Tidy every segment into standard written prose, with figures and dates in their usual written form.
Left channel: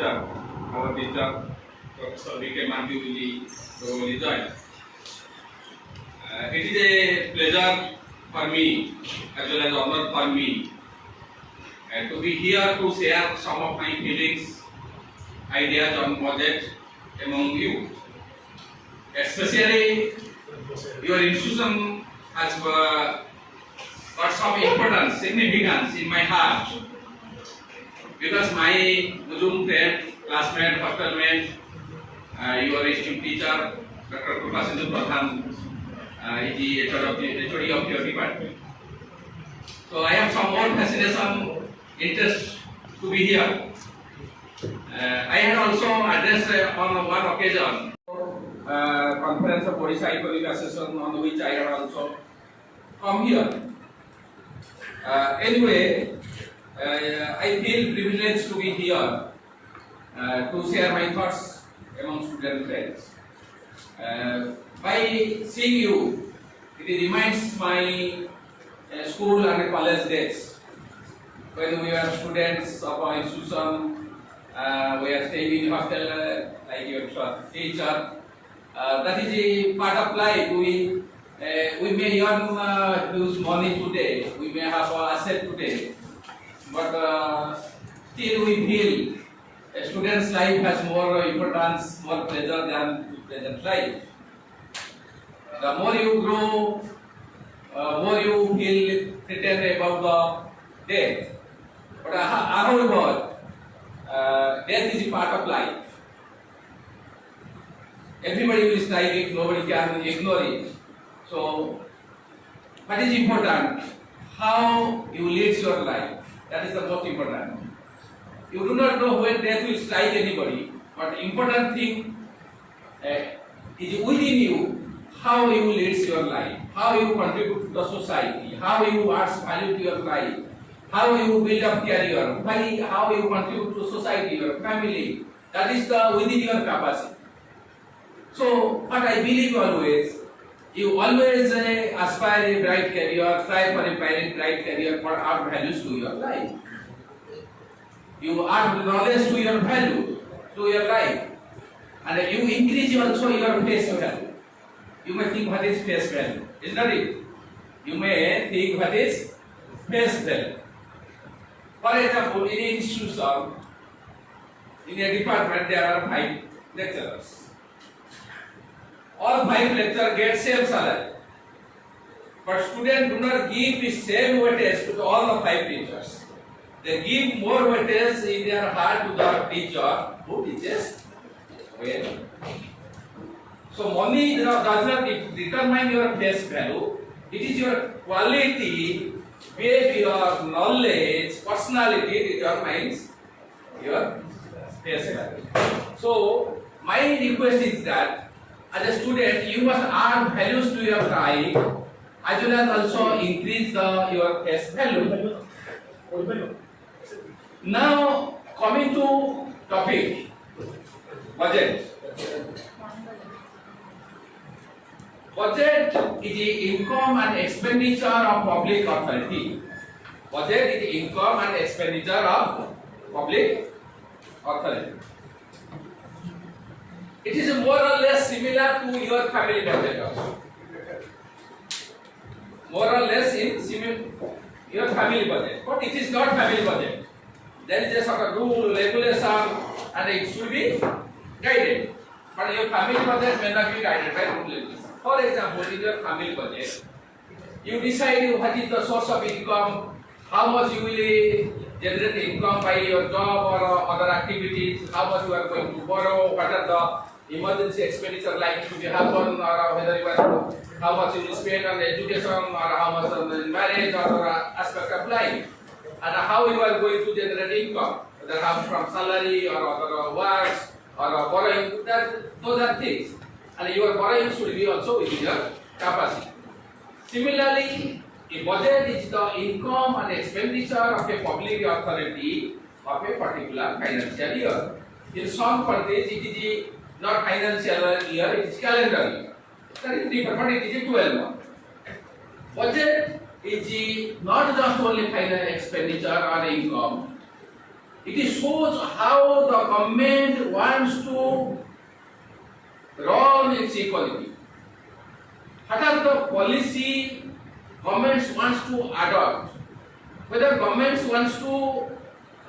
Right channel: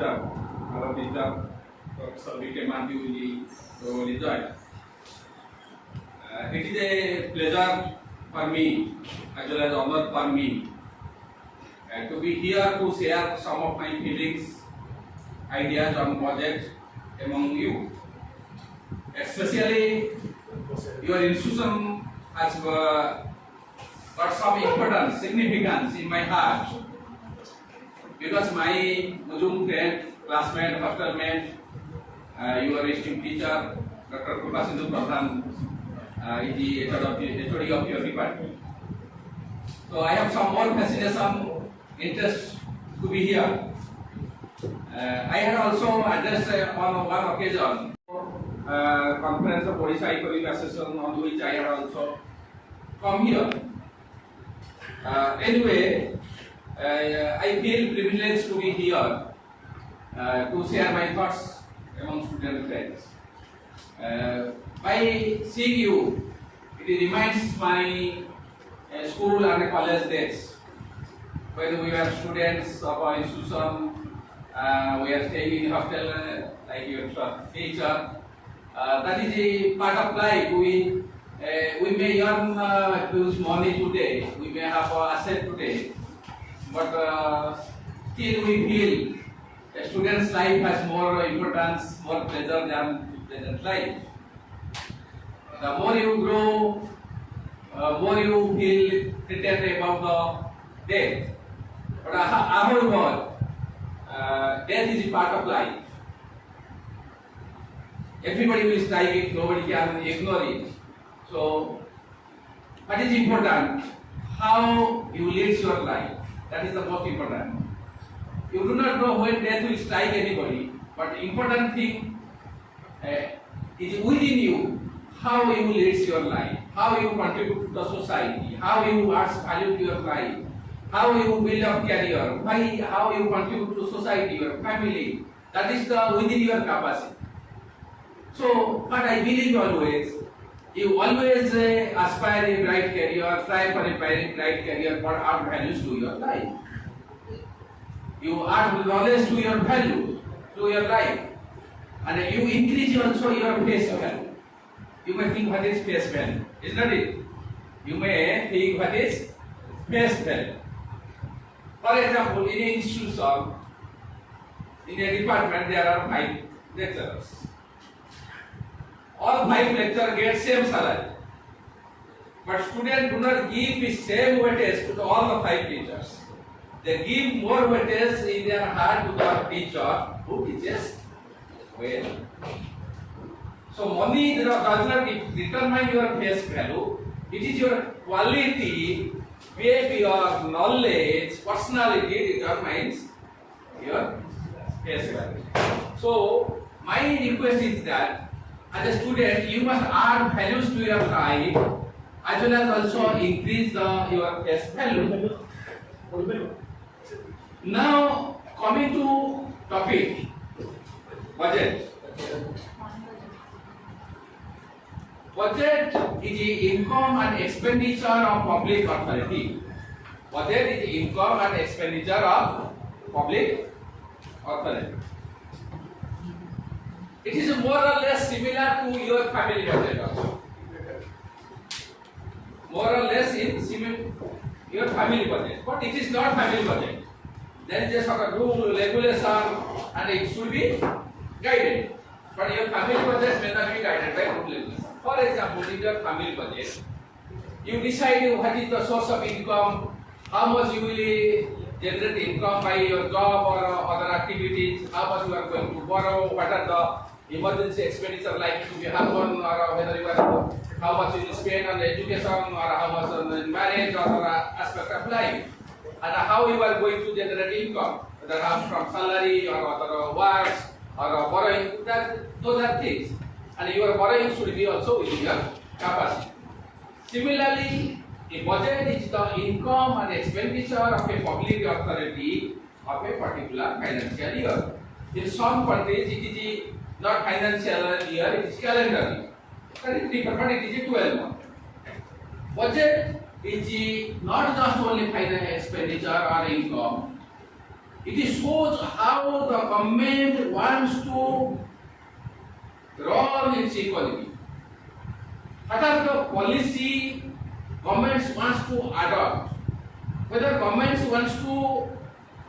teacher, our teacher, Professor V.K. Mandy to rejoin. It is a pleasure for me, as well as honor for me, to be here to share some of my feelings, ideas on project among you. Especially your institution has got some importance, significance in my heart, because my Muslim friend, classmate, hostelmate, your esteemed teacher, Dr. Prabhasindu Pradhan, is the HOD of your department. So I have some more fascination, interest to be here. I had also addressed on one occasion conference of Odisha Economic Association, on which I have also come here. Anyway, I feel privileged to be here to share my thoughts among student friends. By seeing you, it reminds my school and college days when we were students of our institution. We are staying in hostel like your teacher. That is a part of life. We may earn use money today, we may have an asset today, but still we feel a student's life has more importance, more pleasure than present life. The more you grow, more you feel threatened about the death. But however, death is a part of life. Everybody will strike it, nobody can ignore it. So, what is important? How you lead your life. That is the most important. You do not know when death will strike anybody, but important thing is within you, how you lead your life, how you contribute to the society, how you add value to your life, how you build up career, how you contribute to society, your family. That is the within your capacity. So, what I believe always, you always aspire a bright career, try for a bright career, but add values to your life. You add knowledge to your value, to your life, and you increase also your face value. You may think what is face value, is not it? You may think what is face value. For example, in an institution, in a department, there are 5 lecturers. All 5 lecturers get same salary, but students do not give the same weightage to all the 5 teachers. They give more weightage in their heart to the teacher who teaches well. So money does not determine your face value. It is your quality, behavior, knowledge, personality determines your face value. So my request is that as a student, you must add values to your life as well as also increase your face value. Now, coming to topic, budget. Budget is the income and expenditure of public authority. Budget is the income and expenditure of public authority. It is more or less similar to your family budget also. More or less in your family budget, but it is not family budget. There is a sort of rule, regulation, and it should be guided. But your family budget may not be guided by rule regulation. For example, in your family budget, you decide what is the source of income, how much you will generate income by your job or other activities, how much you are going to borrow, what are the emergency expenditure likely to be happen, or whether you are how much you will spend on education, or how much on marriage or other aspect of life, and how you are going to generate income, whether comes from salary or other works or borrowing. Those are things, and your borrowing should be also within your capacity. Similarly, a budget is the income and expenditure of a public authority of a particular financial year. In some countries, it is not financial year, it is calendar year. That is different, but it is a 12 month. Budget is not just only financial expenditure or income. It shows how the government wants to run its economy, what are the policy government wants to adopt? Whether government wants to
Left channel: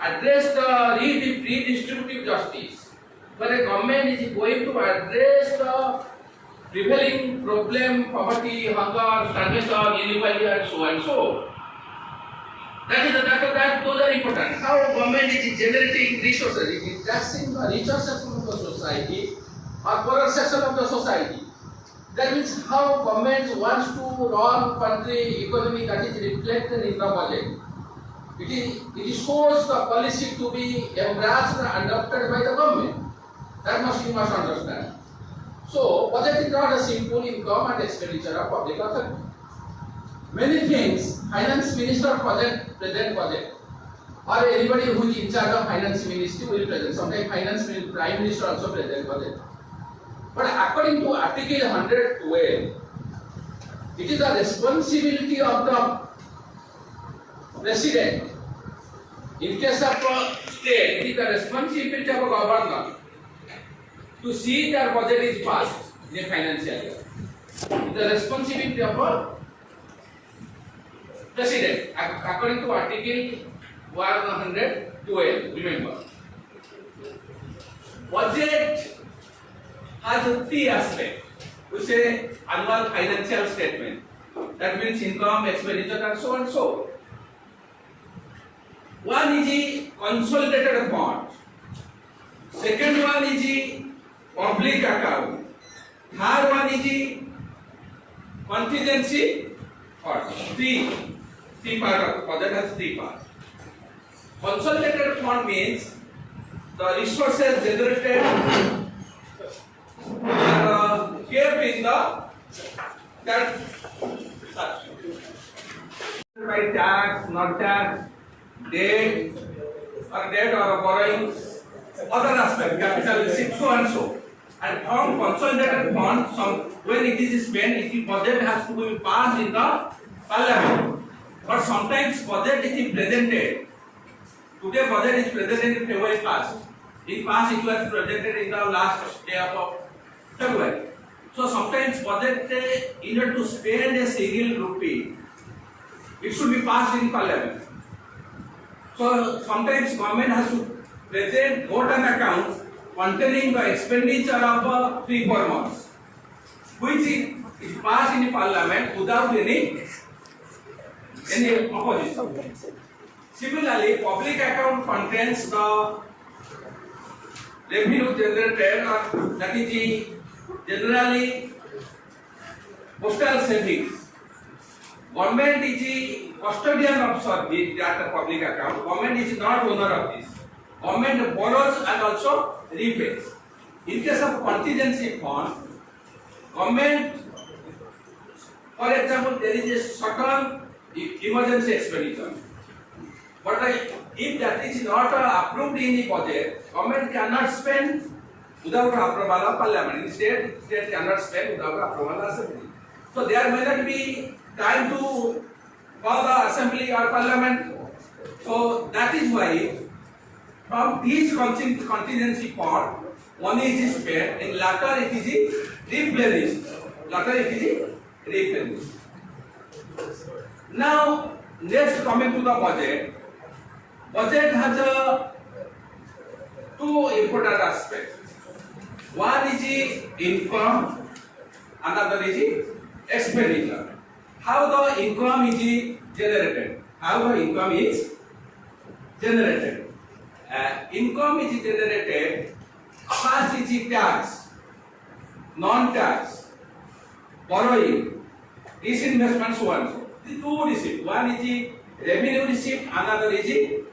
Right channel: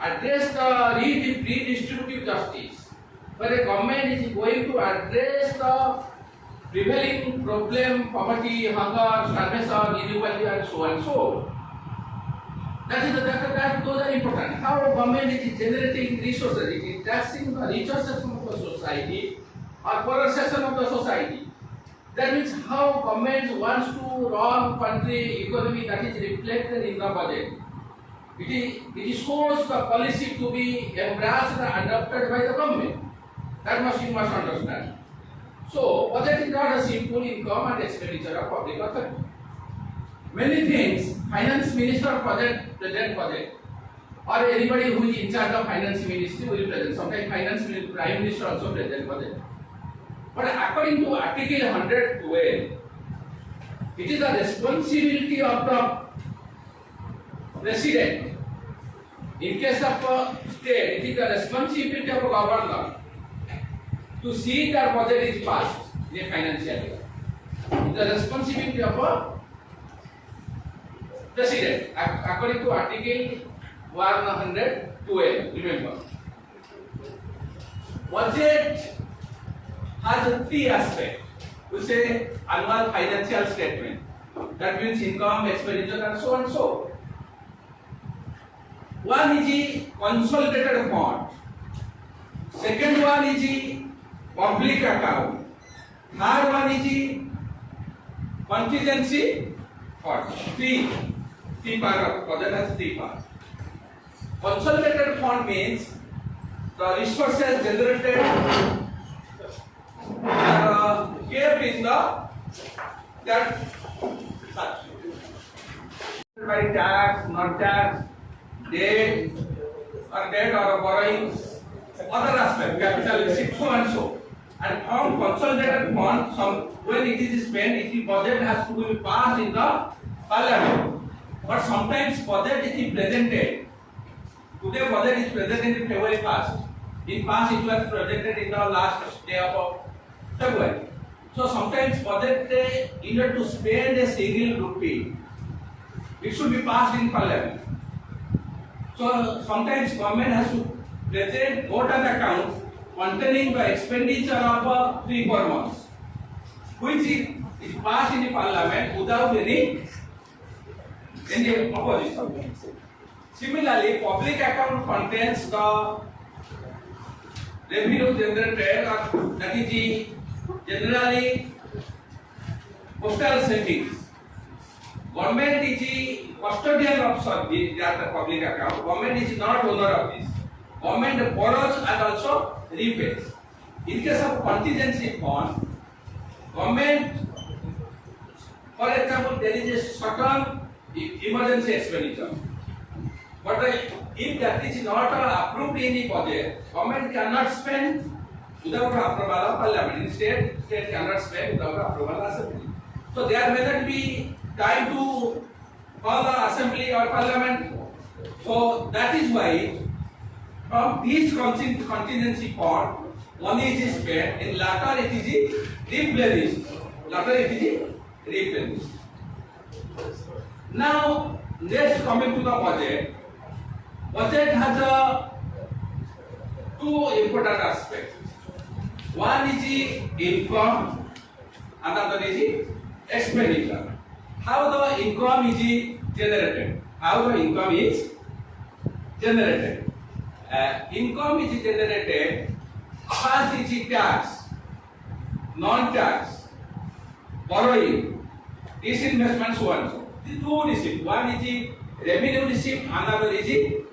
address the redistributive justice, whether government is going to address the prevailing problem, poverty, hunger, starvation, inequality, and so and so. Those are important. How government is generating resources, it is taxing the resources of the society or poorer section of the society. That means how government wants to run country economy, that is reflected in the budget. It shows the policy to be embraced and adopted by the government. That you must understand. So, budget is not a simple income and expenditure of public authority. Many things, finance minister present budget, or anybody who is in charge of finance ministry will present. Sometimes finance minister, prime minister also present budget. But according to Article 112, it is the responsibility of the president. In case of a state, it is the responsibility of a governor to see that budget is passed in a financial year. It is the responsibility of a president, according to Article 112. Remember, budget has three aspects. We say annual financial statement. That means income, expenditure, and so and so. One is the consolidated fund. Second one is the public account. Third one is the contingency fund. Three part of budget has three parts. Consolidated fund means the resources generated are kept in the that by tax, not tax, debt or borrowing, other aspect, capital receipt, so and so. And from consolidated fund, when it is spent, the budget has to be passed in the parliament. But sometimes budget is presented. Today budget is presented in February 1st. In past it was presented in the last day of February. So sometimes budget in order to spend a single rupee, it should be passed in parliament. So sometimes government has to present vote an account containing the expenditure of 3-4 months, which is passed in the parliament without any opposition. Similarly, public account contains the revenue generated, or that is the generally postal savings. Government is the custodian of that public account. Government is not owner of this. Government borrows and also repays. In case of contingency fund, government, for example, there is a certain emergency expenditure. But if that is not approved in the budget, government cannot spend without approval of parliament. Instead, state cannot spend without approval of assembly. So there may not be time to call the assembly or parliament. So that is why from these contingency fund, one is spent, in latter it is replenished. Now, next coming to the budget. Budget has two important aspects. One is the income, another is the expenditure. How the income is generated? Income is generated. First is the tax, non-tax, borrowing, disinvestment, so on. The two receipts. One is the revenue receipt, another is the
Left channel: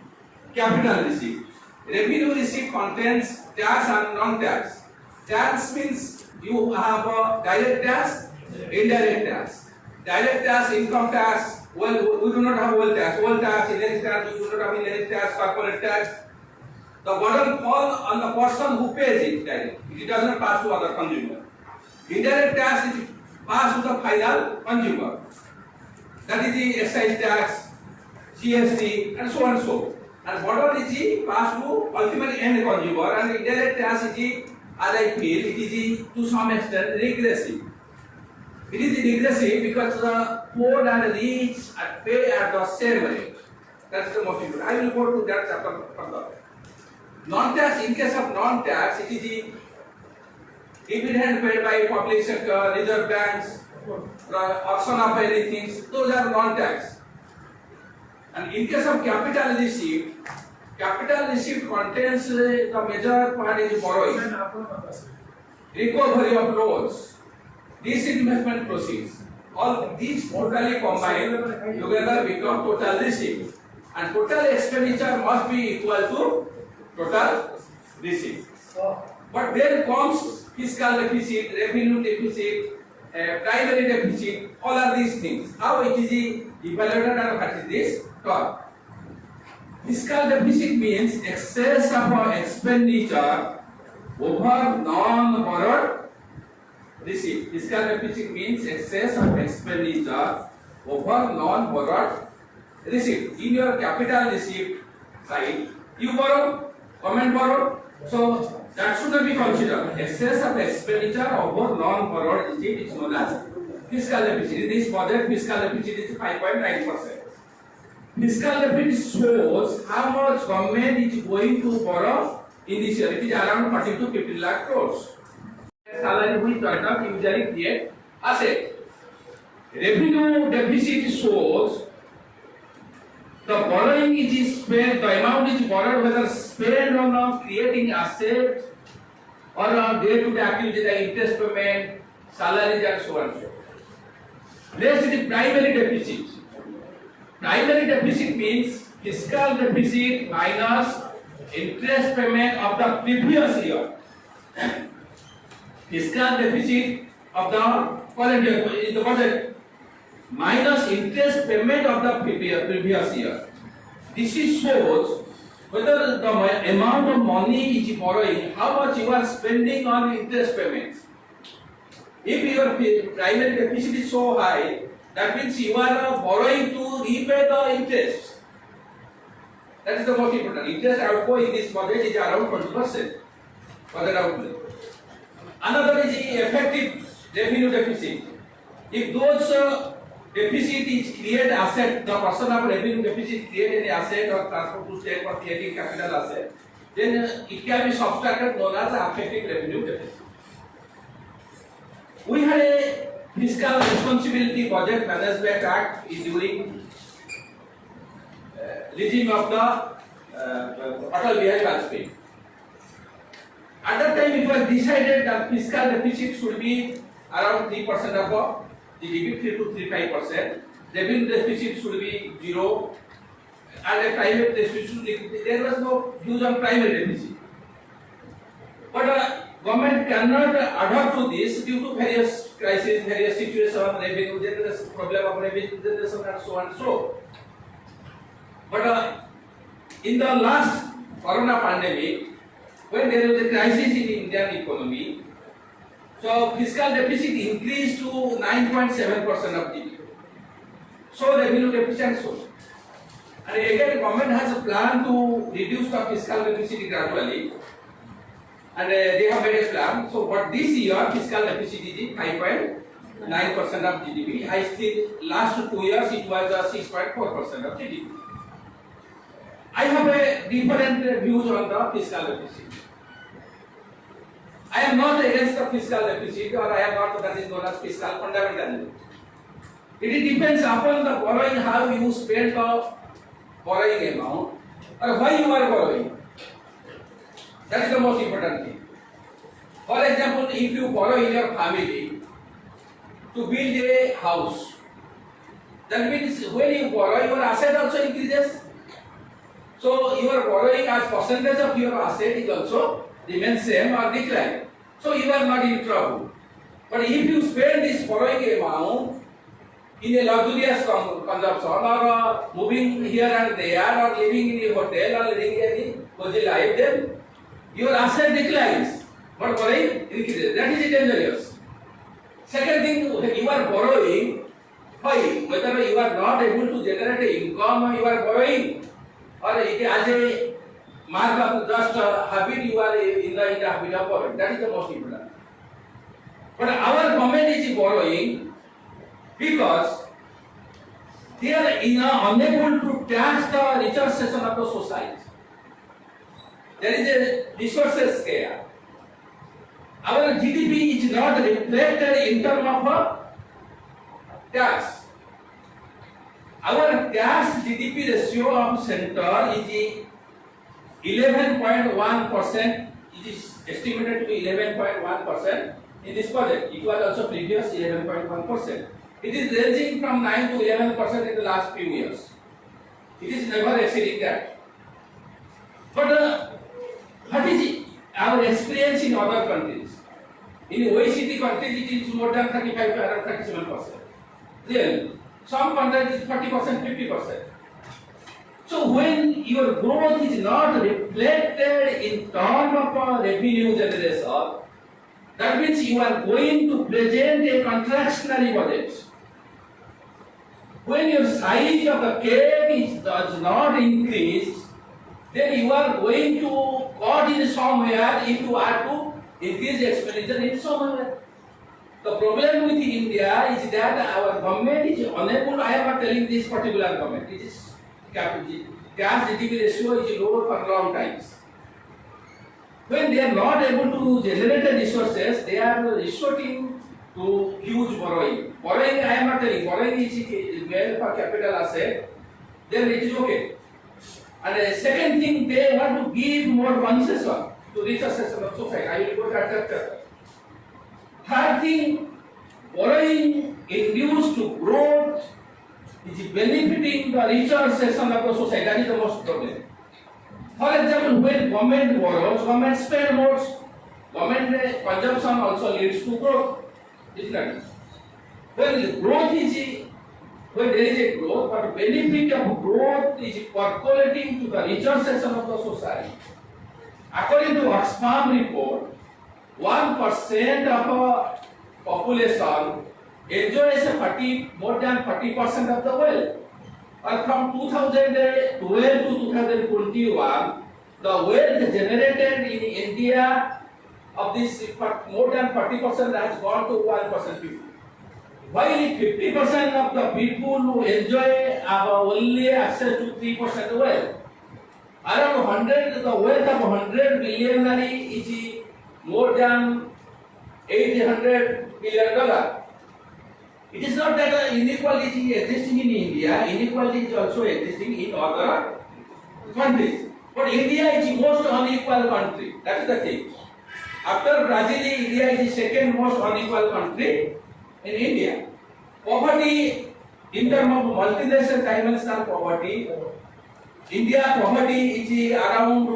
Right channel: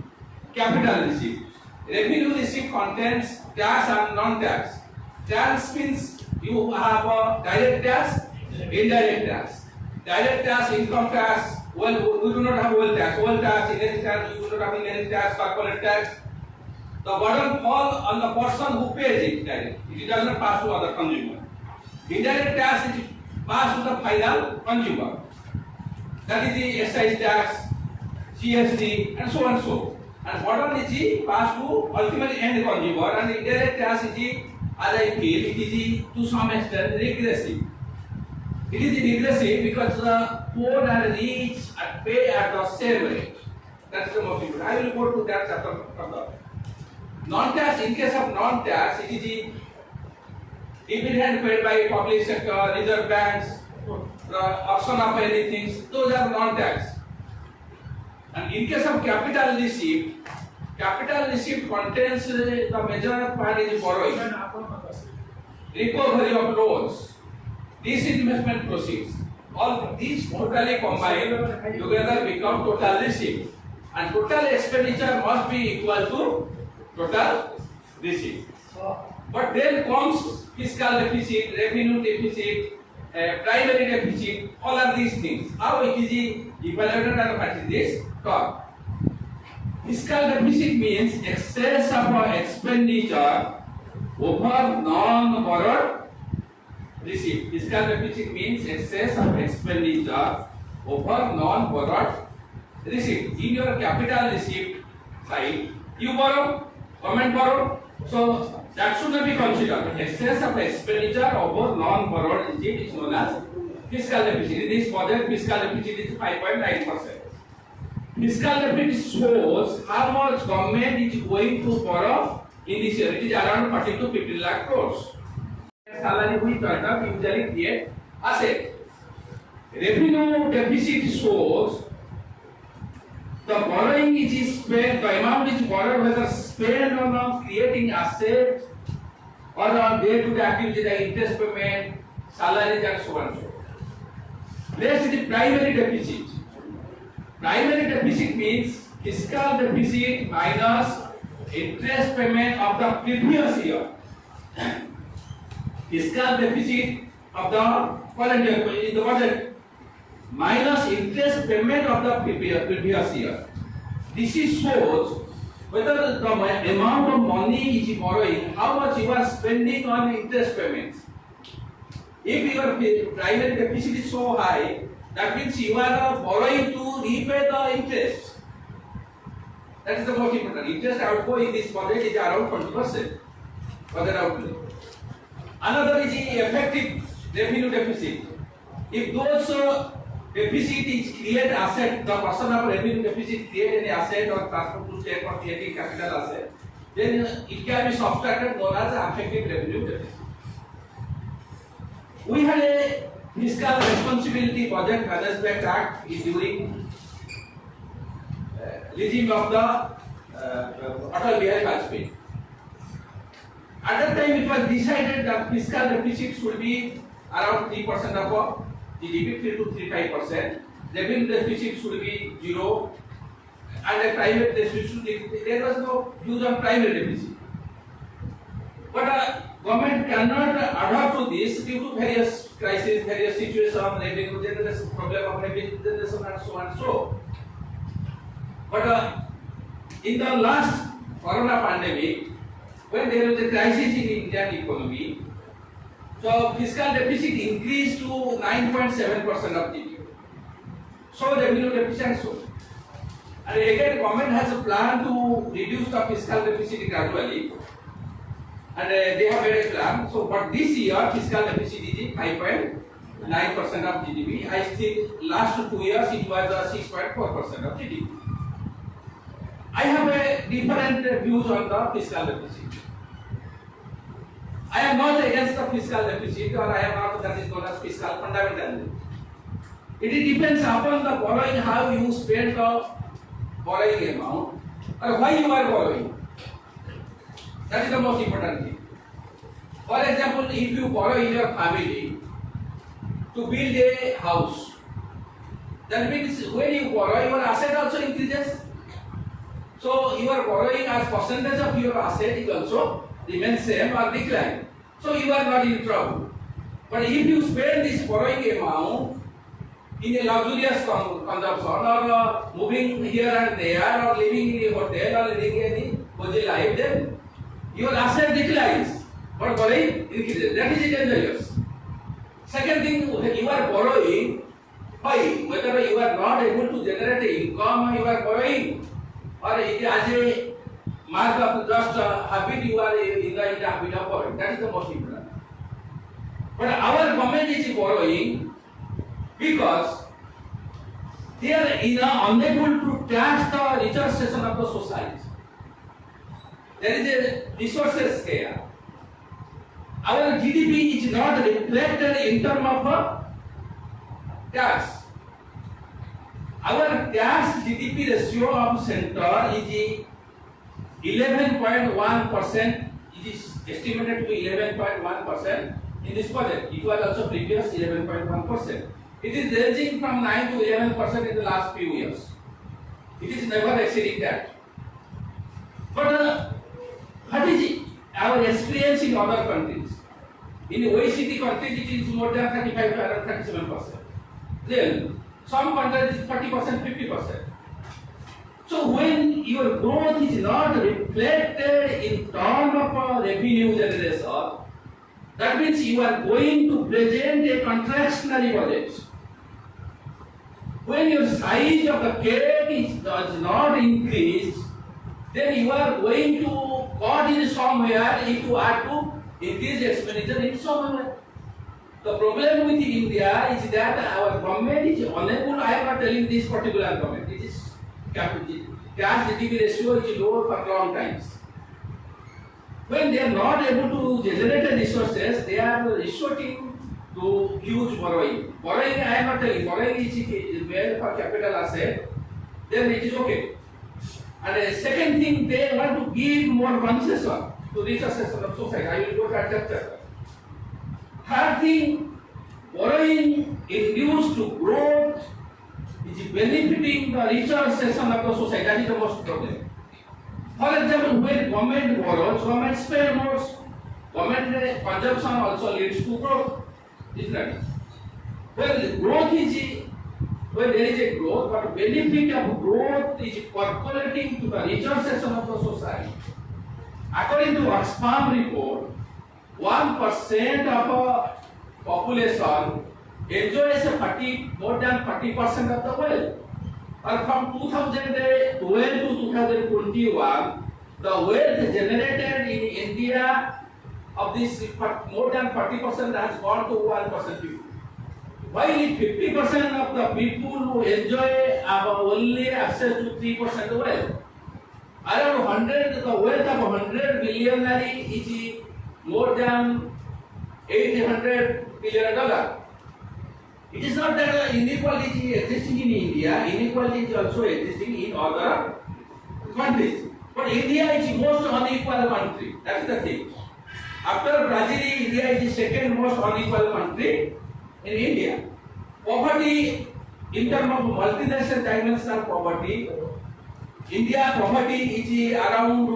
capital receipt. Revenue receipt contains tax and non-tax. Tax means you have a direct tax, indirect tax. Direct tax, income tax. Well, we do not have wealth tax. Wealth tax, inheritance tax, we do not have inheritance tax, corporate tax. The burden falls on the person who pays it directly. It does not pass to other consumer. Indirect tax is passed to the final consumer. That is the excise tax, GST, and so on and so. and burden is passed to ultimate end consumer, and indirect tax is, as I feel, it is to some extent regressive. It is regressive because the poor and rich pay at the same rate. That's the most important. I will go to that chapter further. Non-tax, in case of non-tax, it is dividend paid by public sector, reserve banks, auction of anything, those are non-tax. And in case of capital receipt contains the major part is borrowing, recovery of loans, disinvestment proceeds. All these totally combined together become total receipt. And total expenditure must be equal to total receipt. But then comes fiscal deficit, revenue deficit, primary deficit, all are these things. How it is evaluated and what is this term? Fiscal deficit means excess of expenditure over non-borrowed receipt. Fiscal deficit means excess of expenditure over non-borrowed receipt. In your capital receipt side, you borrow, government borrow, so that should not be considered. Excess of expenditure over non-borrowed receipt is known as fiscal deficit. In this budget, fiscal deficit is 5.9%. Fiscal deficit shows how much government is going to borrow in this year. It is around 40 to 50 lakh crores. Salary which usually create asset. Revenue deficit shows the borrowing is spent, the amount is borrowed whether spent on creating assets or on day-to-day activity, the interest payment, salaries and so on. Next is the primary deficit. Primary deficit means fiscal deficit minus interest payment of the previous year. Fiscal deficit of the current year in the budget minus interest payment of the previous year. This is shows whether the amount of money is borrowing, how much you are spending on interest payments. If your primary deficit is so high, that means you are borrowing to repay the interest. That is the most important. Interest outgo in this budget is around 20%. Budget outgo. Another is the effective revenue deficit. If those deficit is create asset, the person of revenue deficit create any asset or transfer to state for creating capital asset, then it can be subtracted known as effective revenue deficit. We had a fiscal responsibility budget management act during regime of the Atal Bihari Vajpayee. At that time, it was decided that fiscal deficit should be around 3% of GDP, 3 to 3.5%. Revenue deficit should be 0, and a private deficit should be, there was no use of primary deficit. But government cannot adapt to this due to various crises, various situations, revenue generation, problem of revenue generation, and so on and so. But in the last corona pandemic, when there was a crisis in Indian economy, so fiscal deficit increased to 9.7% of GDP. So revenue deficit so. And again, government has a plan to reduce the fiscal deficit gradually. And they have made a plan. So, but this year fiscal deficit is 5.9% of GDP. I think last 2 years it was 6.4% of GDP. I have a different views on the fiscal deficit. I am not against the fiscal deficit, or I am not, that is known as fiscal fundamentalism. It depends upon the borrowing, how you spend the borrowing amount, or why you are borrowing. That is the most important thing. For example, if you borrow in your family to build a house, that means when you borrow, your asset also increases. So your borrowing as percentage of your asset is also remains same or decline. So you are not in trouble. But if you spend this borrowing amount in a luxurious consumption, or moving here and there, or living in a hotel, or living in a cozy life, then your asset declines, but borrowing increases. That is dangerous. Second thing, when you are borrowing, why? Whether you are not able to generate income, you are borrowing. or as a mark of just habit, you are in the habit of borrowing. That is the most important. But our government is borrowing because they are unable to tax the richer section of the society. There is a resources scale. Our GDP is not reflected in terms of tax. Our tax GDP ratio of center is 11.1%. It is estimated to be 11.1% in this budget. It was also previous 11.1%. It is ranging from 9 to 11% in the last few years. It is never exceeding that. But what is our experience in other countries? In OECD countries, it is more than 35 to around 37%. Really, some countries is 40%, 50%. So when your growth is not reflected in terms of revenue generation, that means you are going to present a contractionary budget. When your size of the cake does not increase, then you are going to cut in somewhere if you are to increase expenditure in somewhere. The problem with India is that our government is unable. I am not telling this particular government. It is cash GDP ratio is low for long times. When they are not able to generate resources, they are resorting to huge borrowing. Borrowing, I am not telling. Borrowing is well for capital asset. Then it is okay. And the second thing, they want to give more concession to richer section of society. I will go to that. Third thing, borrowing induced to growth is benefiting the richer section of the society. That is the most problem. For example, when government borrows, government spends more. Government consumption also leads to growth. Isn't it? When there is a growth, but benefit of growth is percolating to the richer section of the society. According to Oxfam report, 1% of a population enjoys more than 40% of the wealth. And from 2012 to 2021, the wealth generated in India of this more than 40% has gone to 1% people. While 50% of the people who enjoy have only access to 3% wealth. Around 100, the wealth of 100 billionaire is more than $800 billion. It is not that inequality is existing in India, inequality is also existing in other countries. But India is the most unequal country. That is the thing. After Brazil, India is the second most unequal country in India. Poverty, in terms of multinational dimensional poverty, India poverty is around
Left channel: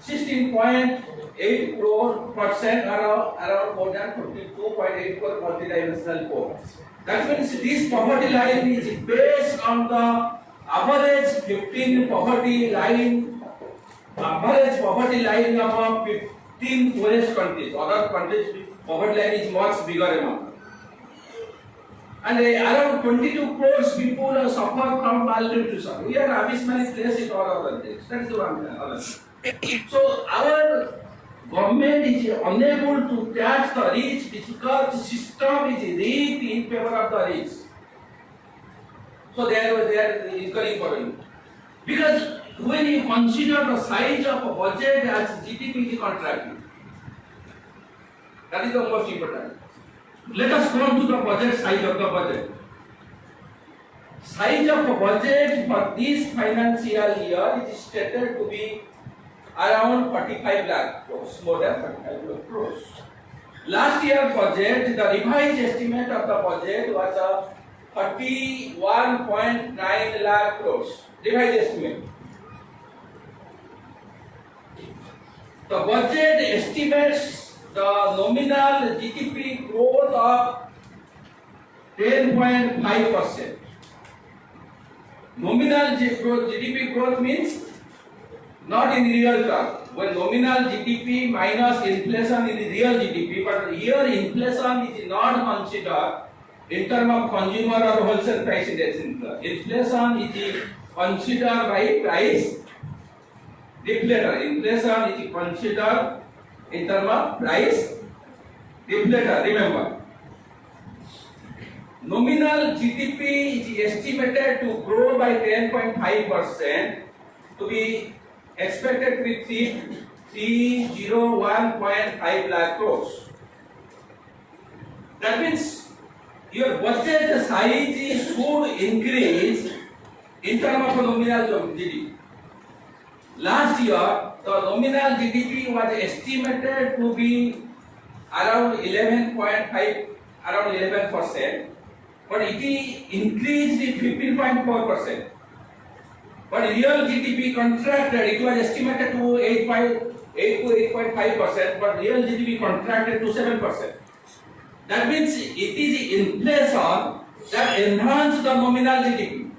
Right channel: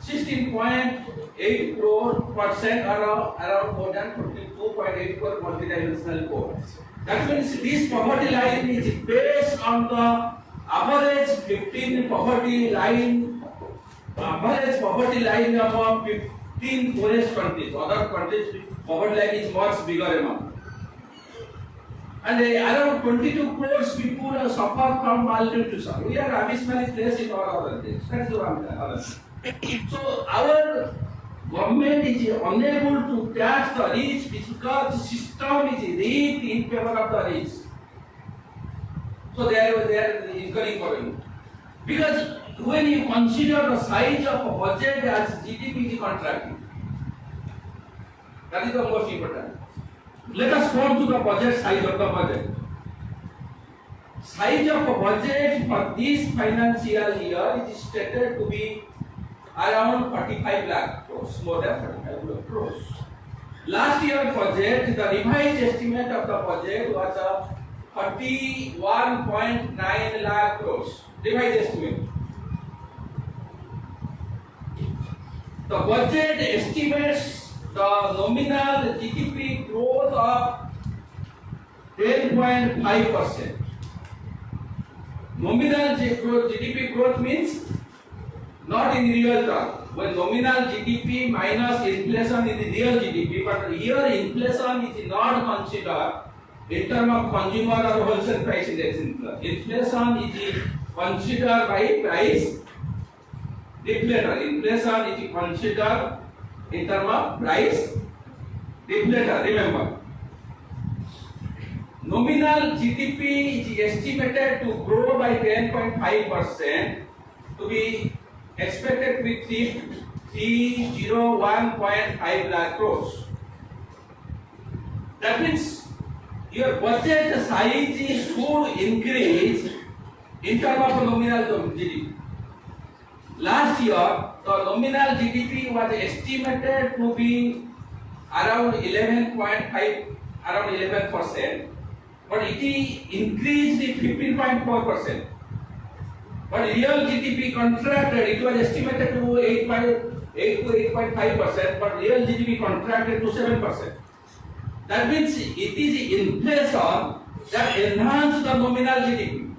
16.8% around more than 52.8 for multidimensional poor. That means this poverty line is based on the average 15 poverty line of 15 poorest countries. Other countries poverty line is much bigger amount. And around 22 crores people suffer from malnutrition. We are abysmally placed in all other things. That is the one. So our government is unable to tax the rich because the system is rigged in favor of the rich. So they are incurring borrowing. Because when you consider the size of a budget as GDP is contracting, that is the most important. Let us come to the budget size of the budget. Size of a budget for this financial year is stated to be around 45 lakh crores, more than 45 lakh crores. Last year budget, the revised estimate of the budget was 41.9 lakh crores. Revised estimate. The budget estimates the nominal GDP growth of 10.5%. Nominal GDP growth means not in real terms. When nominal GDP minus inflation is the real GDP, but here inflation is not considered in terms of consumer or wholesale price index. Inflation is considered by price deflator. Inflation is considered in terms of price deflator. Remember, nominal GDP is estimated to grow by 10.5% to be expected to be 301.5 lakh crores. That means your budget size should increase in terms of nominal GDP. Last year, the nominal GDP was estimated to be around 11.5, around 11%, but it increased to 15.4%. But real GDP contracted. It was estimated to 8 to 8.5%, but real GDP contracted to 7%. That means it is inflation that enhanced the nominal GDP.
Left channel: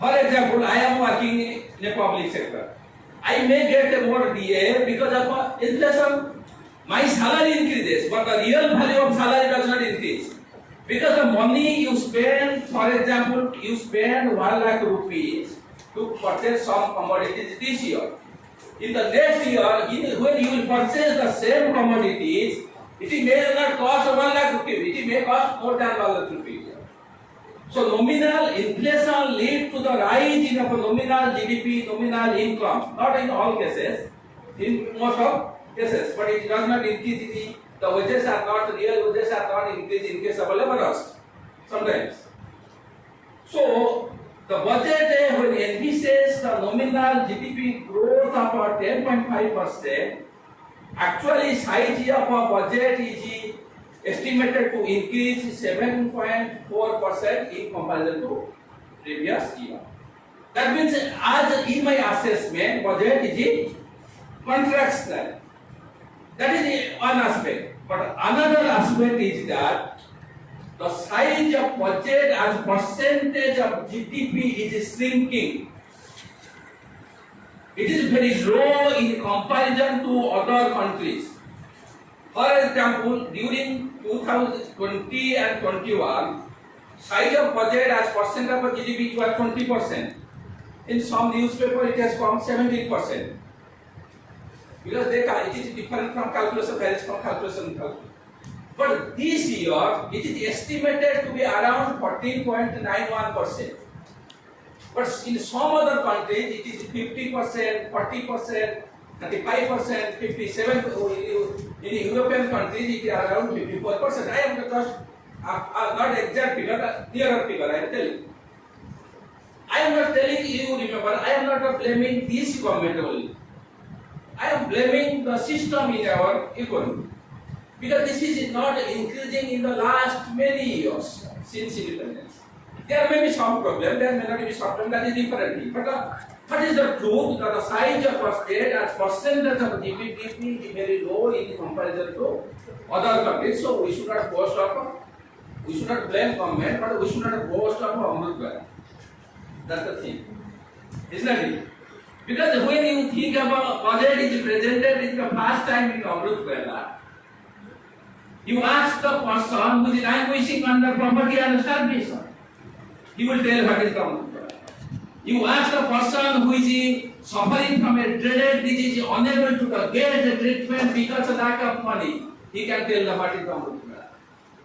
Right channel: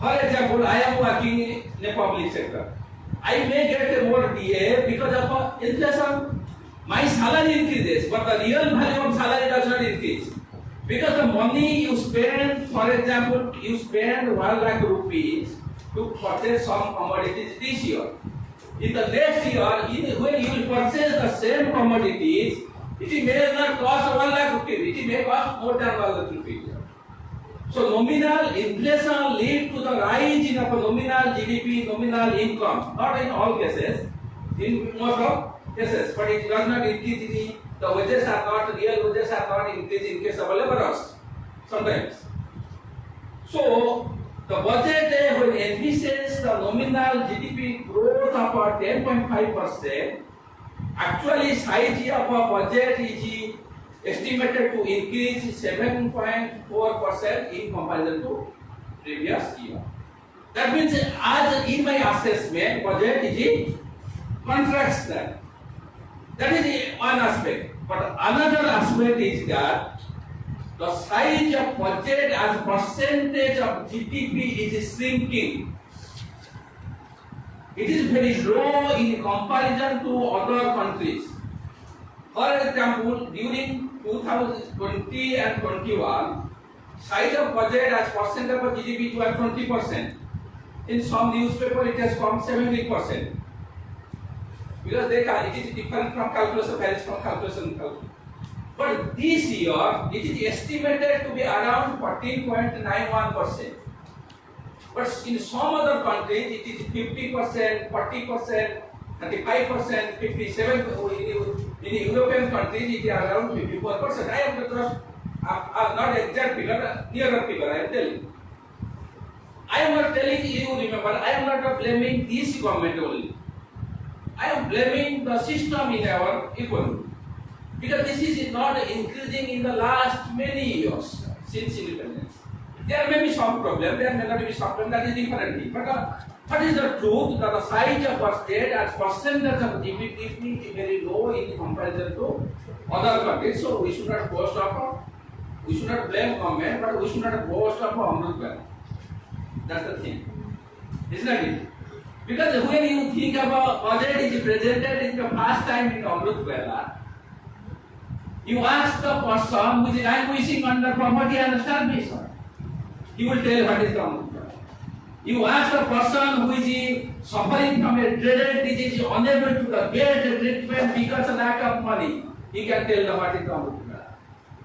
For example, I am working in a public sector. I may get more DA because of inflation. My salary increases, but the real value of salary does not increase. Because the money you spend, for example, you spend 1 lakh rupees to purchase some commodities this year. In the next year, when you will purchase the same commodities, it may not cost 1 lakh rupees, it may cost more than 1 lakh rupees. So nominal inflation leads to the rise in nominal GDP, nominal income, not in all cases, in most of cases, but it does not increase the wages are not, real wages are not increasing in case of labor cost sometimes. So the budget when envisages the nominal GDP growth of 10.5%, actually size of a budget is estimated to increase 7.4% in comparison to previous year. That means as in my assessment, budget is contractional. That is one aspect. But another aspect is that the size of budget as percentage of GDP is shrinking. It is very low in comparison to other countries. For example, during 2020 and 21, size of budget as percent of GDP was 20%. In some newspaper, it has come 17%. Because it is different from calculation, varies from calculation. But this year, it is estimated to be around 14.91%. But in some other countries, it is 50%, 40%, 35%, 57%. In European countries, it is around 54%. I am just not exact figure, nearer figure, I am telling. I am not telling you, remember, I am not blaming this government only. I am blaming the system in our economy. Because this is not increasing in the last many years since independence. There may be some problem, there may not be some problem, that is different. But what is the truth that the size of our state as percentage of GDP is very low in comparison to other countries. So we should not boast of, we should not blame government, but we should not boast of Amrit Bala. That's the thing. Isn't it? Because when you think about budget is presented in the first time in Amrit Bala, you ask the person who is languishing under poverty and starvation, he will tell what is the Amrit Bala. You ask the person who is suffering from a dreaded disease, unable to get a treatment because of lack of money, he can tell the what is the Amrit Bala.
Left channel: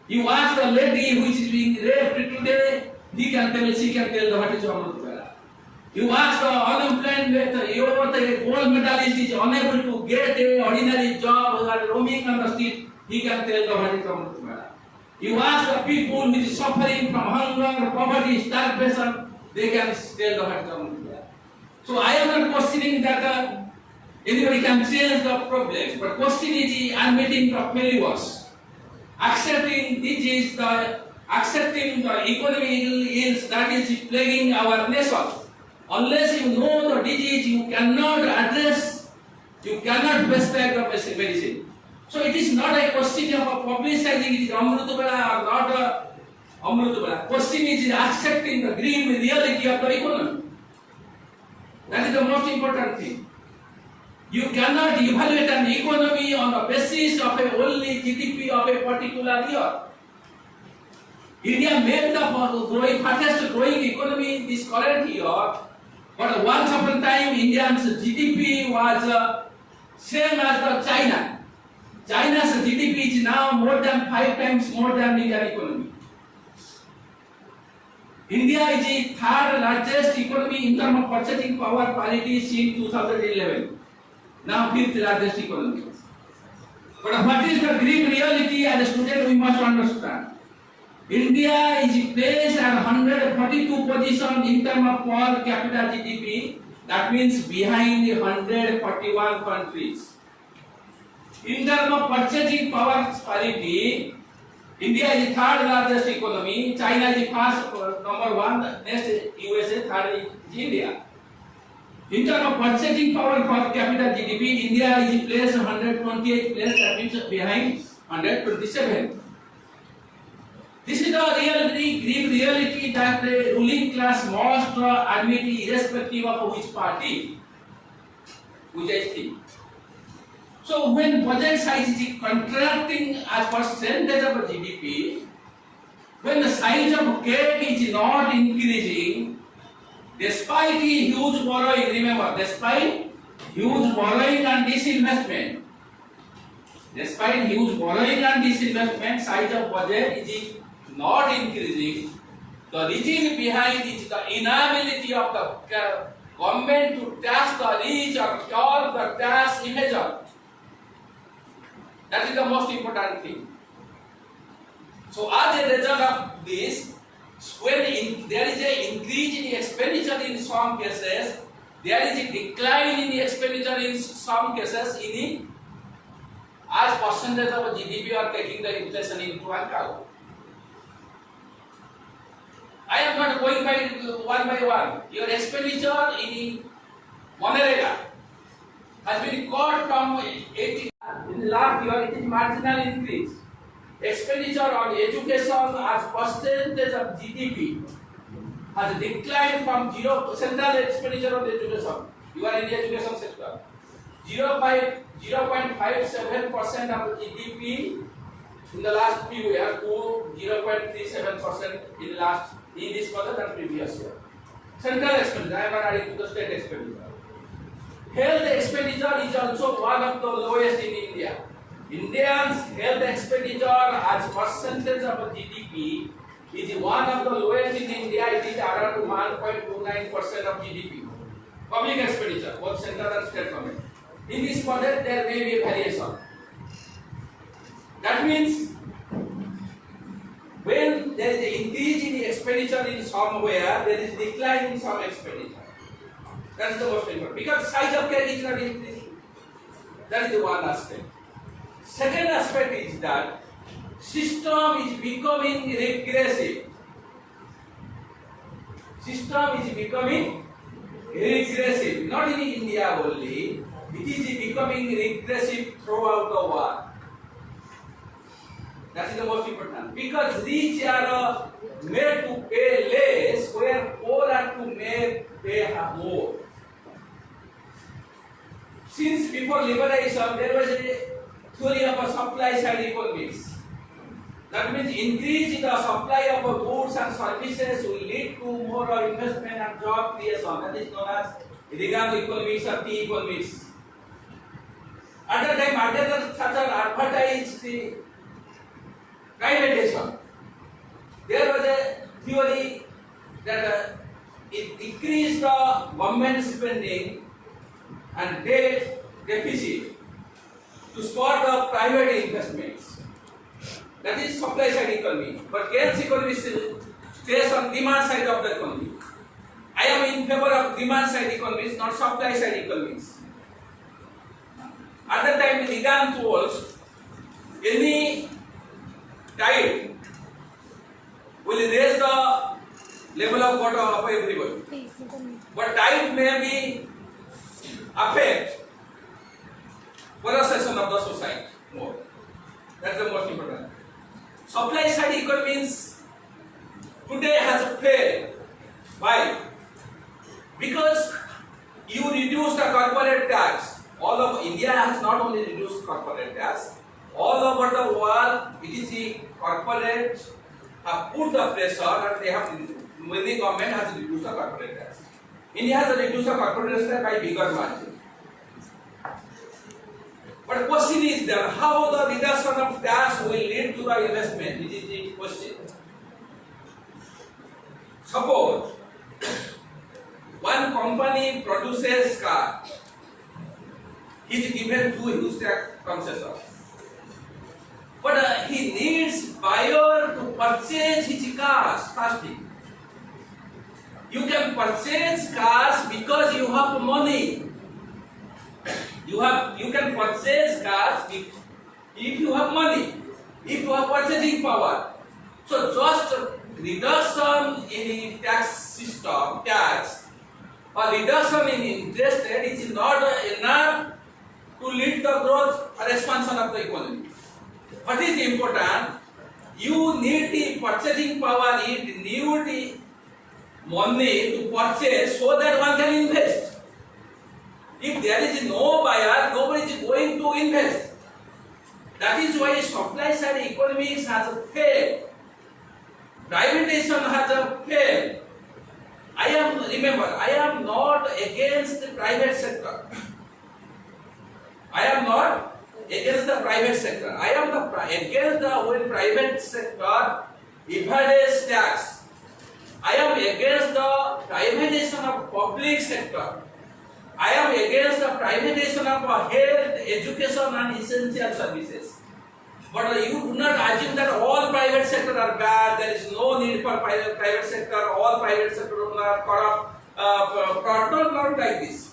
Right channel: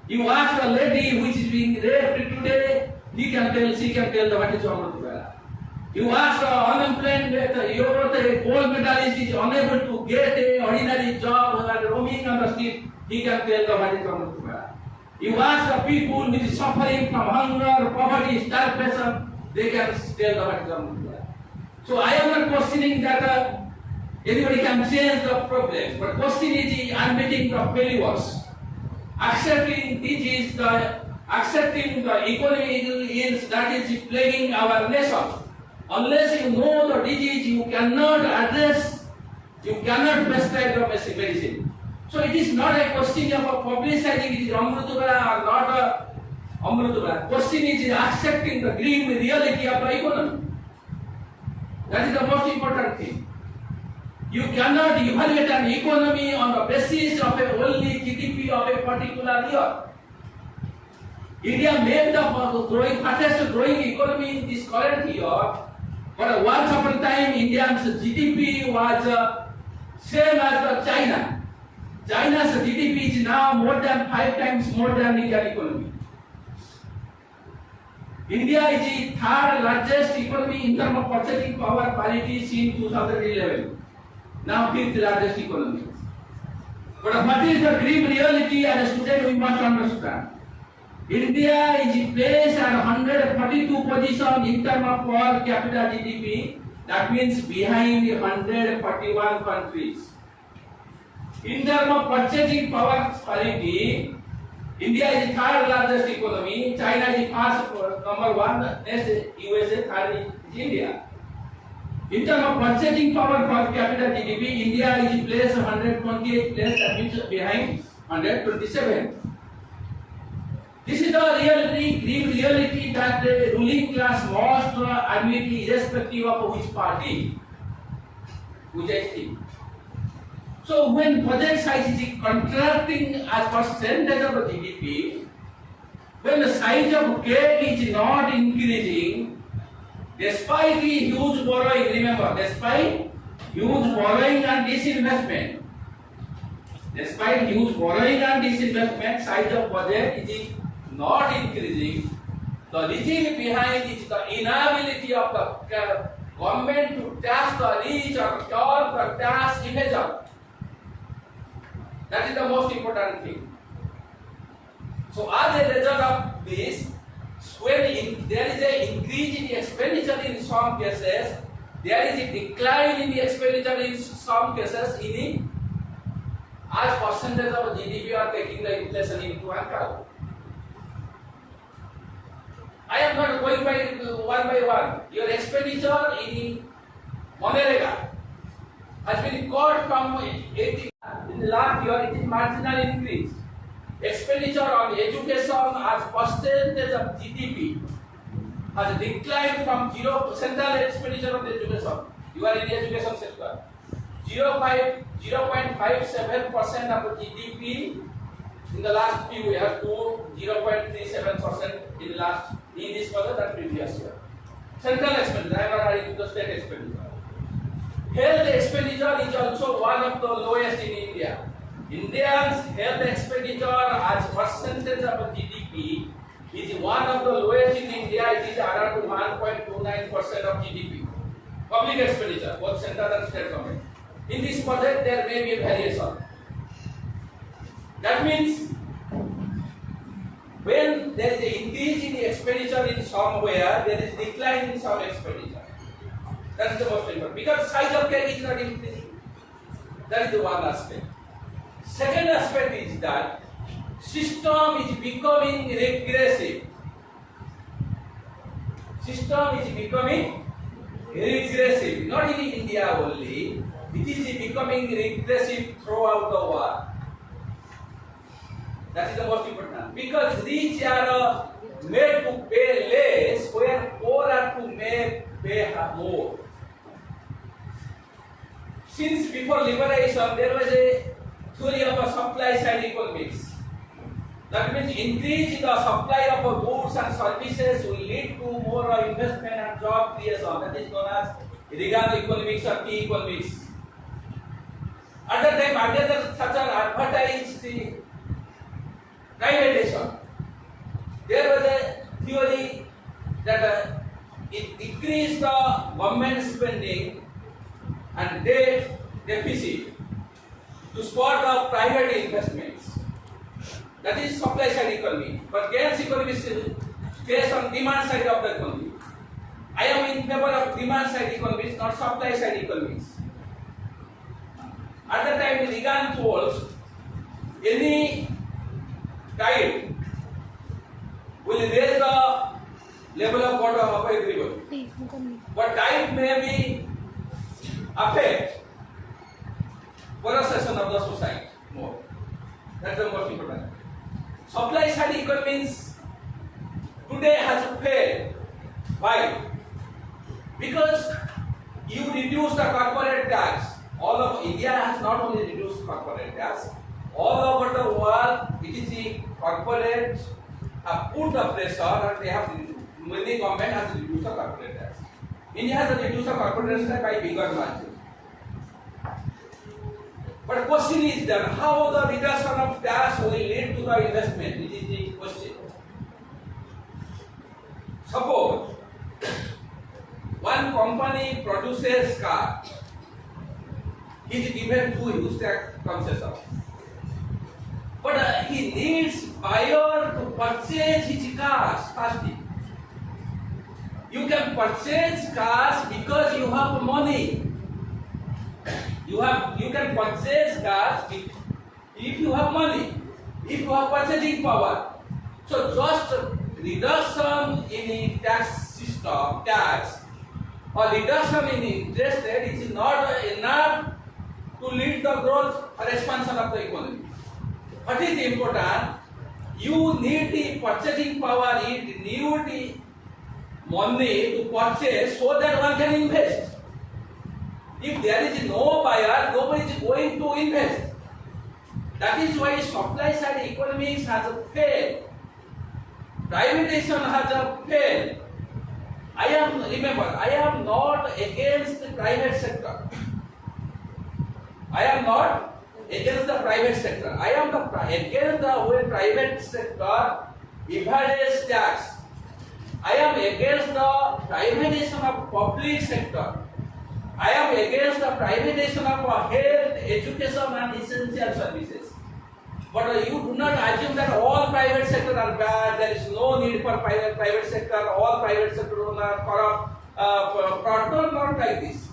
You ask the lady who is being raped today, she can tell the what is the Amrit Bala. You ask the unemployed, a gold medalist is unable to get an ordinary job or roaming on the street, he can tell the what is the Amrit Bala. You ask the people who is suffering from hunger, poverty, starvation, they can tell the what is the Amrit Bala. So I am not questioning that anybody can change the problem, but question is admitting the failures. Accepting the economic ills that is plaguing our nation. Unless you know the disease, you cannot address, you cannot prescribe the medicine. So it is not a question of publicizing it is Amrit Bala or not Amrit Bala. Question is accepting the grim reality of the economy. That is the most important thing. You cannot evaluate an economy on the basis of only GDP of a particular year. India made the growing fastest growing economy in this current year, but once upon a time India's GDP was same as the China. China's GDP is now more than 5 times more than Indian economy. India is the third largest economy in terms of purchasing power parity since 2011. Now fifth largest economy. But what is the grim reality as a student we must understand? India is placed at 142 position in terms of per capita GDP. That means behind 141 countries. In terms of purchasing power parity, India is the third largest economy. China is the first number one. Next USA, third is India. In terms of purchasing power per capita GDP, India is placed 128 place. That means behind 127. This is the reality, grim reality that the ruling class must admit irrespective of which party, which I think. So when budget size is contracting as percentage of GDP, when the size of cake is not increasing, despite the huge borrowing, remember, despite huge borrowing and disinvestment, size of budget is not increasing. The reason behind is the inability of the government to tax the rich or curb the tax evasion. That is the most important thing. So as a result of this, when there is an increase in the expenditure in some cases, there is a decline in the expenditure in some cases in the as percentage of GDP are taking the inflation into account. I am not going by one. Your expenditure in Monterega has been cut from 80. In the last year, it is marginal increase. Expenditure on education as percentage of GDP has declined from 0 central expenditure on education. You are in the education sector. 0.57% of the GDP in the last few years to 0.37% in this quarter than previous year. Central expenditure, I am not adding to the state expenditure. Health expenditure is also one of the lowest in India. India's health expenditure as percentage of GDP is one of the lowest in India. It is around 1.29% of GDP. Public expenditure, both central and state government. In this project, there may be variation. That means when there is an increase in the expenditure in somewhere, there is decline in some expenditure. That is the most important. Because size of cake is not increasing. That is the one aspect. Second aspect is that system is becoming regressive. System is becoming regressive. Not in India only. It is becoming regressive throughout the world. That is the most important. Because rich are made to pay less, where poor are to pay more. Since before liberation, there was a theory of a supply side economics. That means increase in the supply of goods and services will lead to more investment and job creation. That is known as Reagan economics or T economics. At that time, Adaspur College advertised the privatization. There was a theory that it increased the government spending and debt deficit to spur the private investments. That is supply side economy. But Keynes economy stays on demand side of the economy. I am in favor of demand side economics, not supply side economics. At the time, Reagan told any tide will raise the level of water of everybody. But tide may be affect polarization of the society more. That's the most important. Supply side economics today has failed. Why? Because you reduce the corporate tax. All of India has not only reduced corporate tax, all over the world it is the corporate put the pressure, and they have when the government has reduced the corporate tax. India has reduced the corporate tax by bigger margin. But question is that how the reduction of tax will lead to the investment? This is the question. Suppose one company produces car, he is given 2 huge tax concessions. But he needs buyer to purchase his cars firstly. You can purchase cars because you have money. You can purchase cars if you have money, if you have purchasing power. So just reduction in the tax system, tax, or reduction in interest rate is not enough to lead the growth or expansion of the economy. What is important? You need the purchasing power, you need the money to purchase so that one can invest. If there is no buyer, nobody is going to invest. That is why supply side economics has failed. Privatization has failed. I am not against the private sector. I am not against the private sector. I am against the when private sector evades tax. I am against the privatization of public sector. I am against the privatization of health, education and essential services. But you do not assume that all private sector are bad. There is no need for private sector. All private sector are corrupt. Not like this.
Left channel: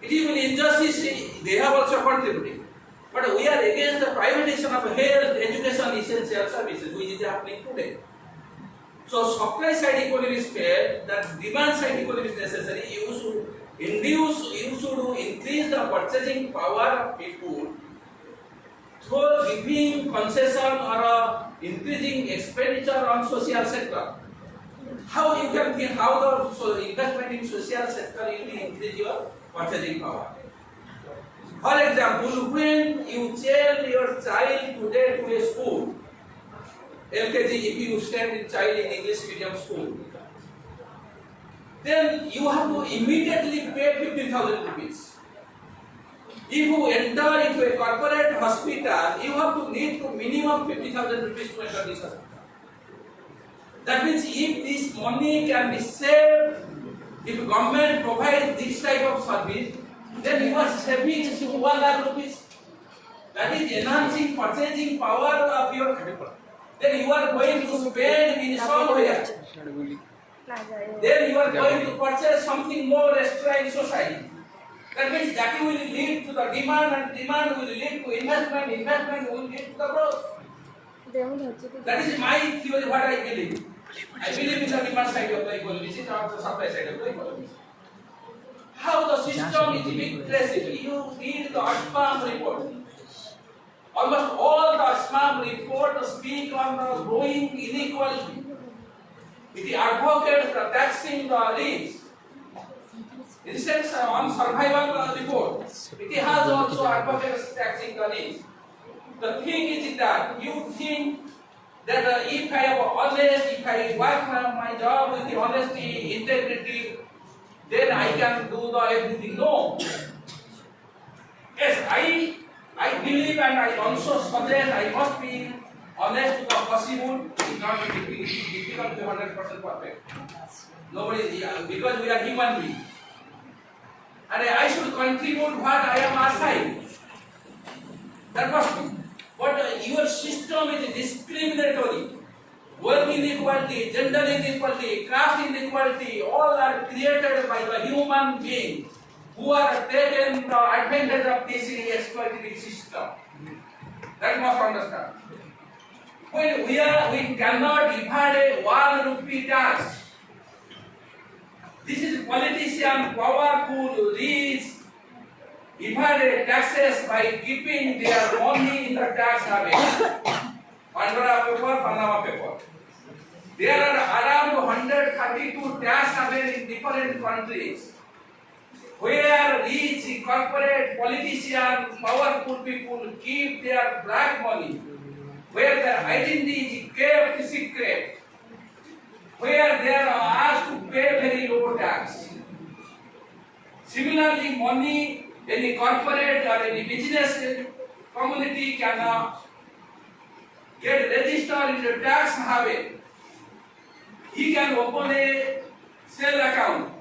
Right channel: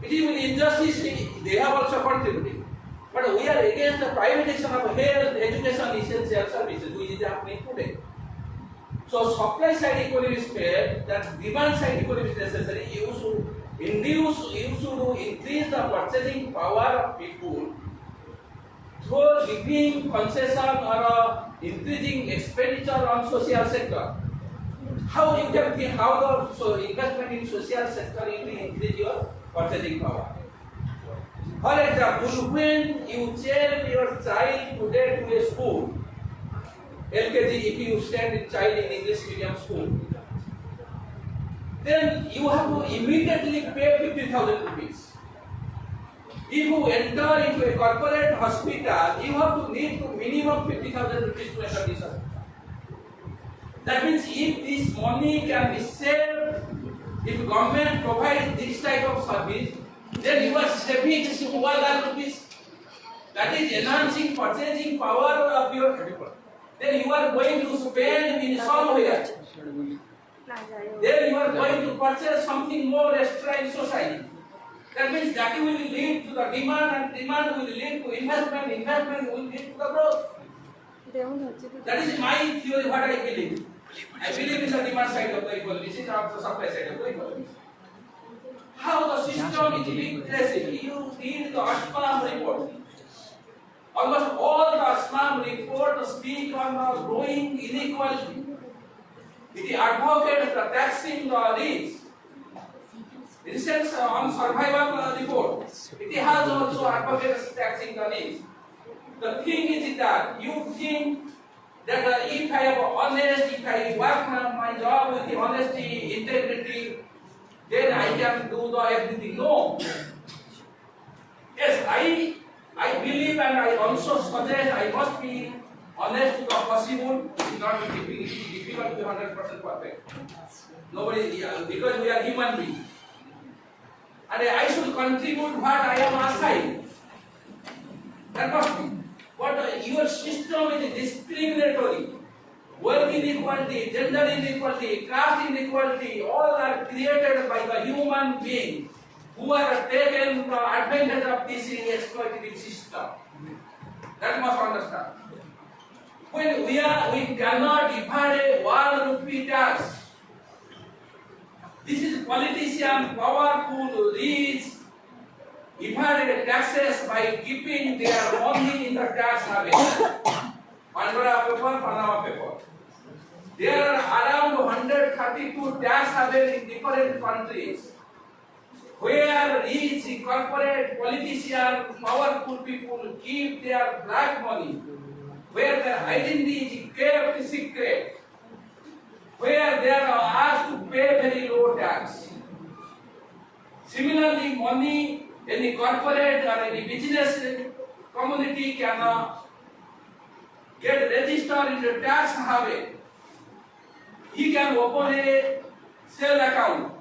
It is an injustice. They have also contributed. But we are against the privatization of health, education, essential services, which is happening today. So supply side economics fail. That demand side economics is necessary. You should increase the purchasing power of people through giving concession or increasing expenditure on social sector. How you can think how the investment in social sector will increase your purchasing power? For example, when you send your child today to a school, LKG, if you send a child in English medium school, then you have to immediately pay 50,000 rupees. If you enter into a corporate hospital, you have to need to minimum 50,000 rupees to enter this hospital. That means if this money can be saved, if government provides this type of service, then you are saving 1 lakh rupees. That is enhancing purchasing power of your. Then you are going to spend in somewhere. Then you are going to purchase something more extra in society. That means that will lead to the demand, and demand will lead to investment, investment will lead to the growth. That is my theory, what I believe. I believe in the demand side of the economy, this is not the supply side of the economy. How the system is being traced. You read the Adaspur report. Almost all the Adaspur reports speak on the growing inequality. It advocates the taxing the rich. It says on survival report. It has also advocates taxing the rich. The thing is that you think that if I am honest, if I work my job with the honesty, integrity, then I can do the everything. No. Yes, I believe and I also suggest I must be honest to the possible. It is not difficult to 100% perfect. Nobody, because we are human beings. And I should contribute what I am assigned. That must be. But your system is discriminatory. Wealth inequality, gender inequality, caste inequality, all are created by the human beings who are taken the advantage of this exploitative system. That you must understand. When we cannot evade 1 rupee tax. This is politician powerful, rich, evade taxes by keeping their money in the tax haven. Pandora paper, Panama paper. There are around 132 tax havens in different countries where rich corporate politicians, powerful people keep their black money where their identity is kept secret, where they are asked to pay very low tax. Similarly, money, any corporate or any business community can get registered in the tax haven. He can open a sale account,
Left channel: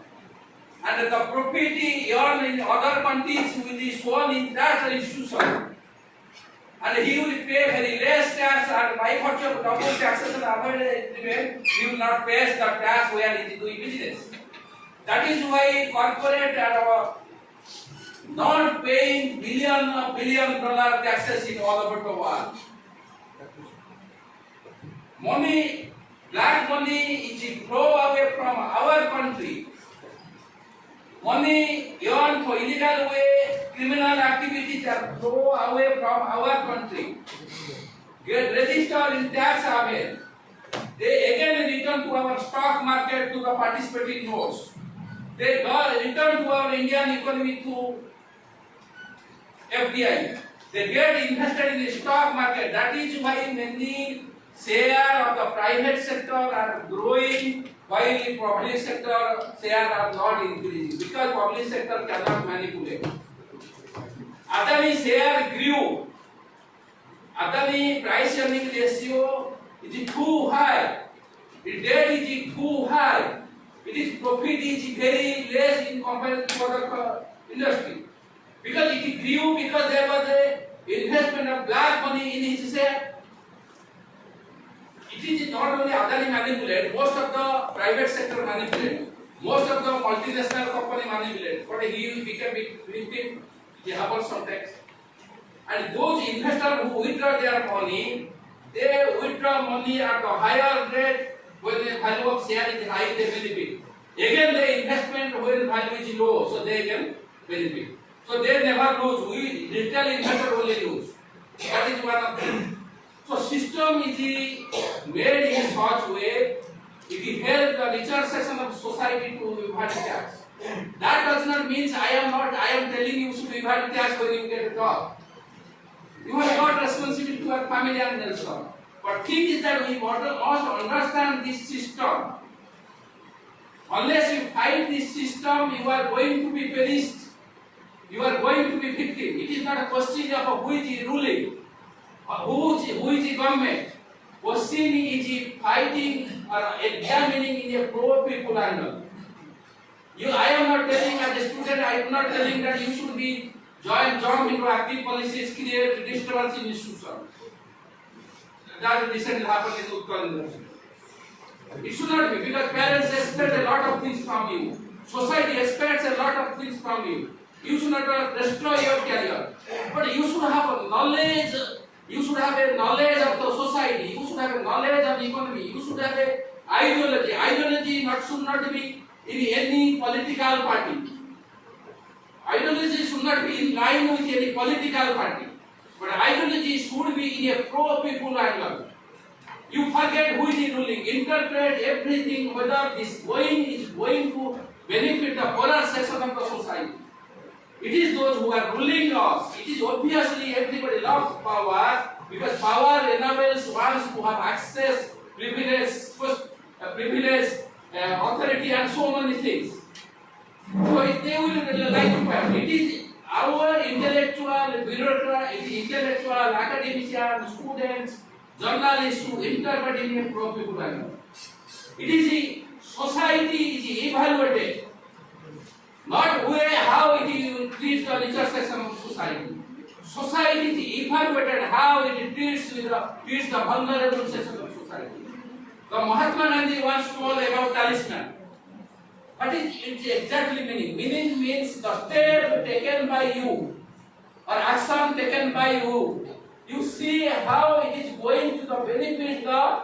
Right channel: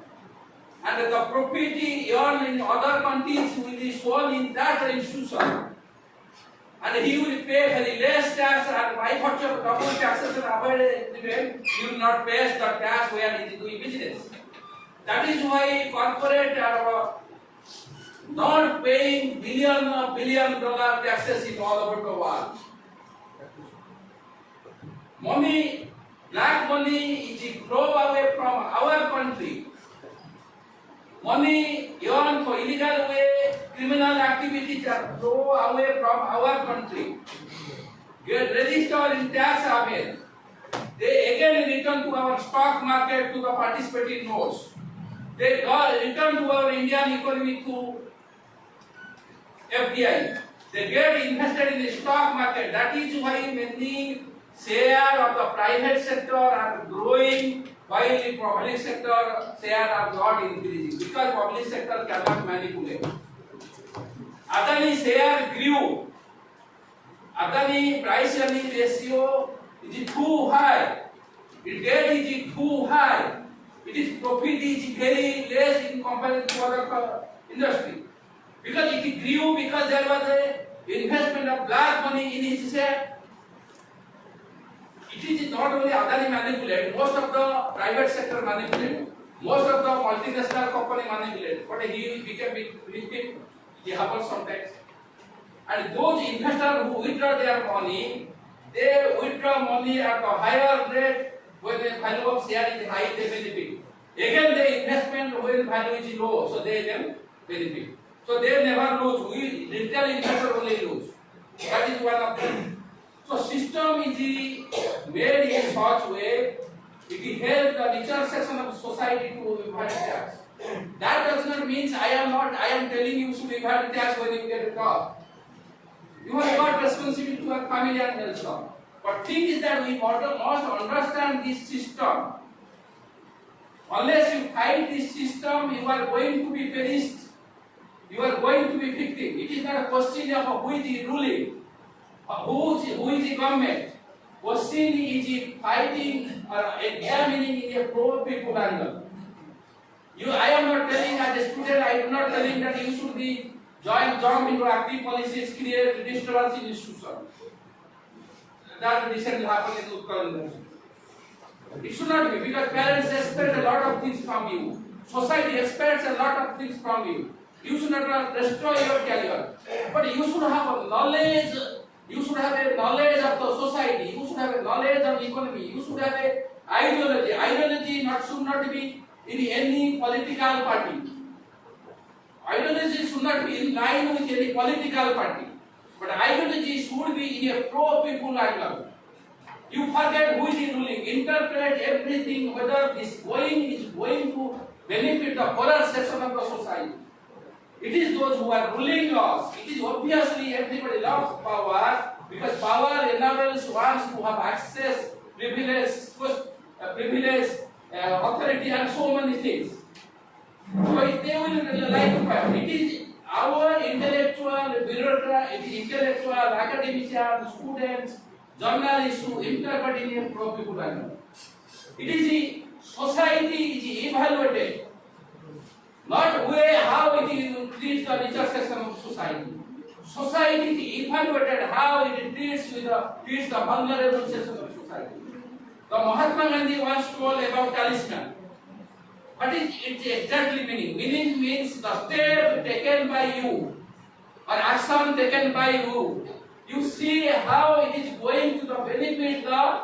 and the property earned in other countries will be shown in that institution. And he will pay very less tax, and by virtue of double taxation avoided, he will not pay the tax where he is doing business. That is why corporate are not paying billion dollar taxes in all over the world. Money, black money is flow away from our country. Money earned for illegal way, criminal activities are flow away from our country. Get registered in tax haven. They again return to our stock market to the participating notes. They return to our Indian economy through FDI. They get invested in the stock market. That is why many shares of the private sector are growing while the public sector shares are not increasing, because public sector cannot manipulate. Adani share grew. Adani price earning ratio is too high. The debt is too high. It is profit is very less in comparison to other industry. Because it grew because there was a investment of black money in his share. It is not only Adani manipulated, most of the private sector manipulated, most of the multinational company manipulated. But he became victim, he happens sometimes. And those investors who withdraw their money, they withdraw money at a higher rate when the value of share is high, they benefit. Again, the investment when value is low, so they can benefit. So they never lose. We retail investors only lose. That is one of them. So system is made in such way it helps the richer section of society to evade tax. That does not mean I am telling you should evade tax when you get a job. You have got responsibility to your family and elsewhere. But thing is that we must understand this system. Unless you fight this system, you are going to be perished. You are going to be victim. It is not a question of who is ruling. Who is the government? Question is fighting or examining in a pro-people angle. I am not telling as a student, I am not telling that you should be jump into active policies, create disturbance in institutions. That recently happened in Utkal University. It should not be, because parents expect a lot of things from you. Society expects a lot of things from you. You should not destroy your career, but you should have a knowledge. You should have a knowledge of the society. You should have a knowledge of the economy. You should have a ideology. Ideology should not be in any political party. Ideology should not be in line with any political party. But ideology should be in a pro-people angle. You forget who is ruling. Interpret everything whether this is going to benefit the poorer section of the society. It is those who are ruling us. It is obviously everybody loves power, because power enables ones who have access, privilege, authority, and so many things. So they will like power. It is our intellectual bureaucrat, intellectual academicians, students, journalists who interpret in a pro-people angle. It is the society is evaluated. Not way how it treats the richer section of society. Society is evaluated how it treats the vulnerable section of society. The Mahatma Gandhi once told about talisman. What is its exactly meaning? Meaning means the step taken by you or action taken by you. You see how it is going to the benefit the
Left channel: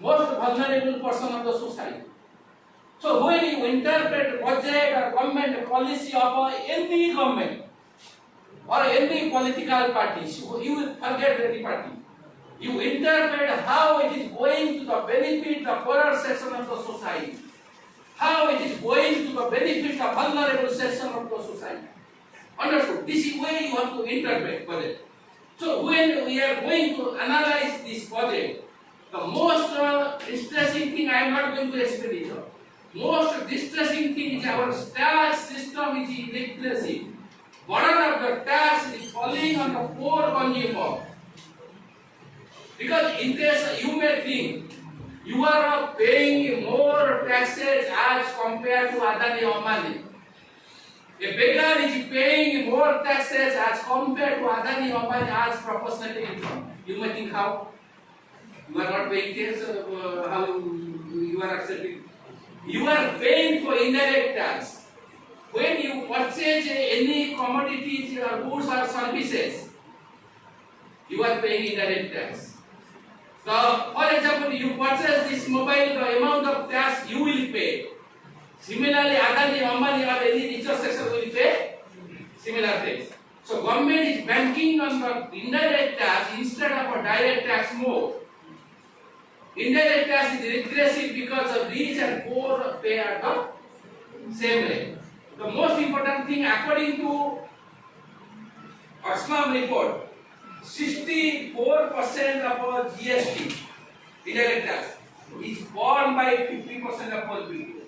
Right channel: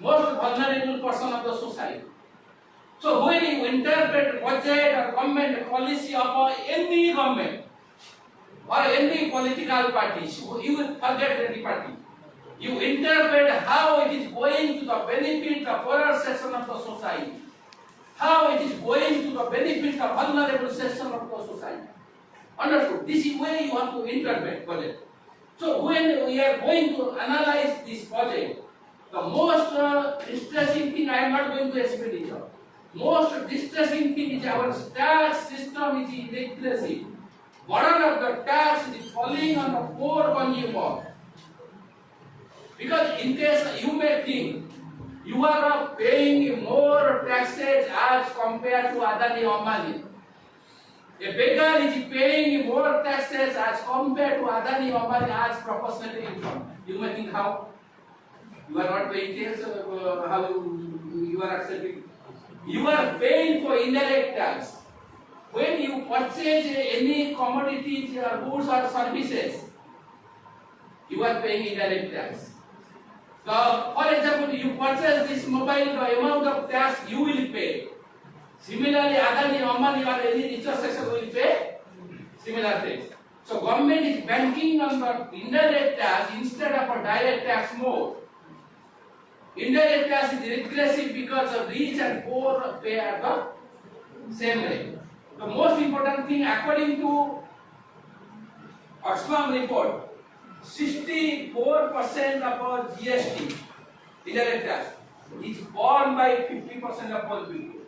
most vulnerable person of the society. So when you interpret budget or government policy of any government or any political party, you will forget any party. You interpret how it is going to the benefit the poorer section of the society, how it is going to the benefit the vulnerable section of the society. Understood? This is where you have to interpret budget. So when we are going to analyze this project, the most distressing thing, I am not going to explain it all. Most distressing thing is our tax system is regressive. Burden of the tax is falling on the poor consumer. Because in case you may think you are paying more taxes as compared to Adani Ambani. A beggar is paying more taxes as compared to Adani Ambani as proportional income. You may think how? You are not paying tax, how you are accepting? You are paying for indirect tax. When you purchase any commodities, goods or services, you are paying indirect tax. So, for example, you purchase this mobile, the amount of tax you will pay. Similarly, Adani, Ambani or any richer section will pay similar tax. So, government is banking on the indirect tax instead of a direct tax mode. Indirect tax is regressive because of rich and poor pay at the same rate. The most important thing, according to Oxfam report, 64% of our GST, indirect tax, is borne by 50% of all people,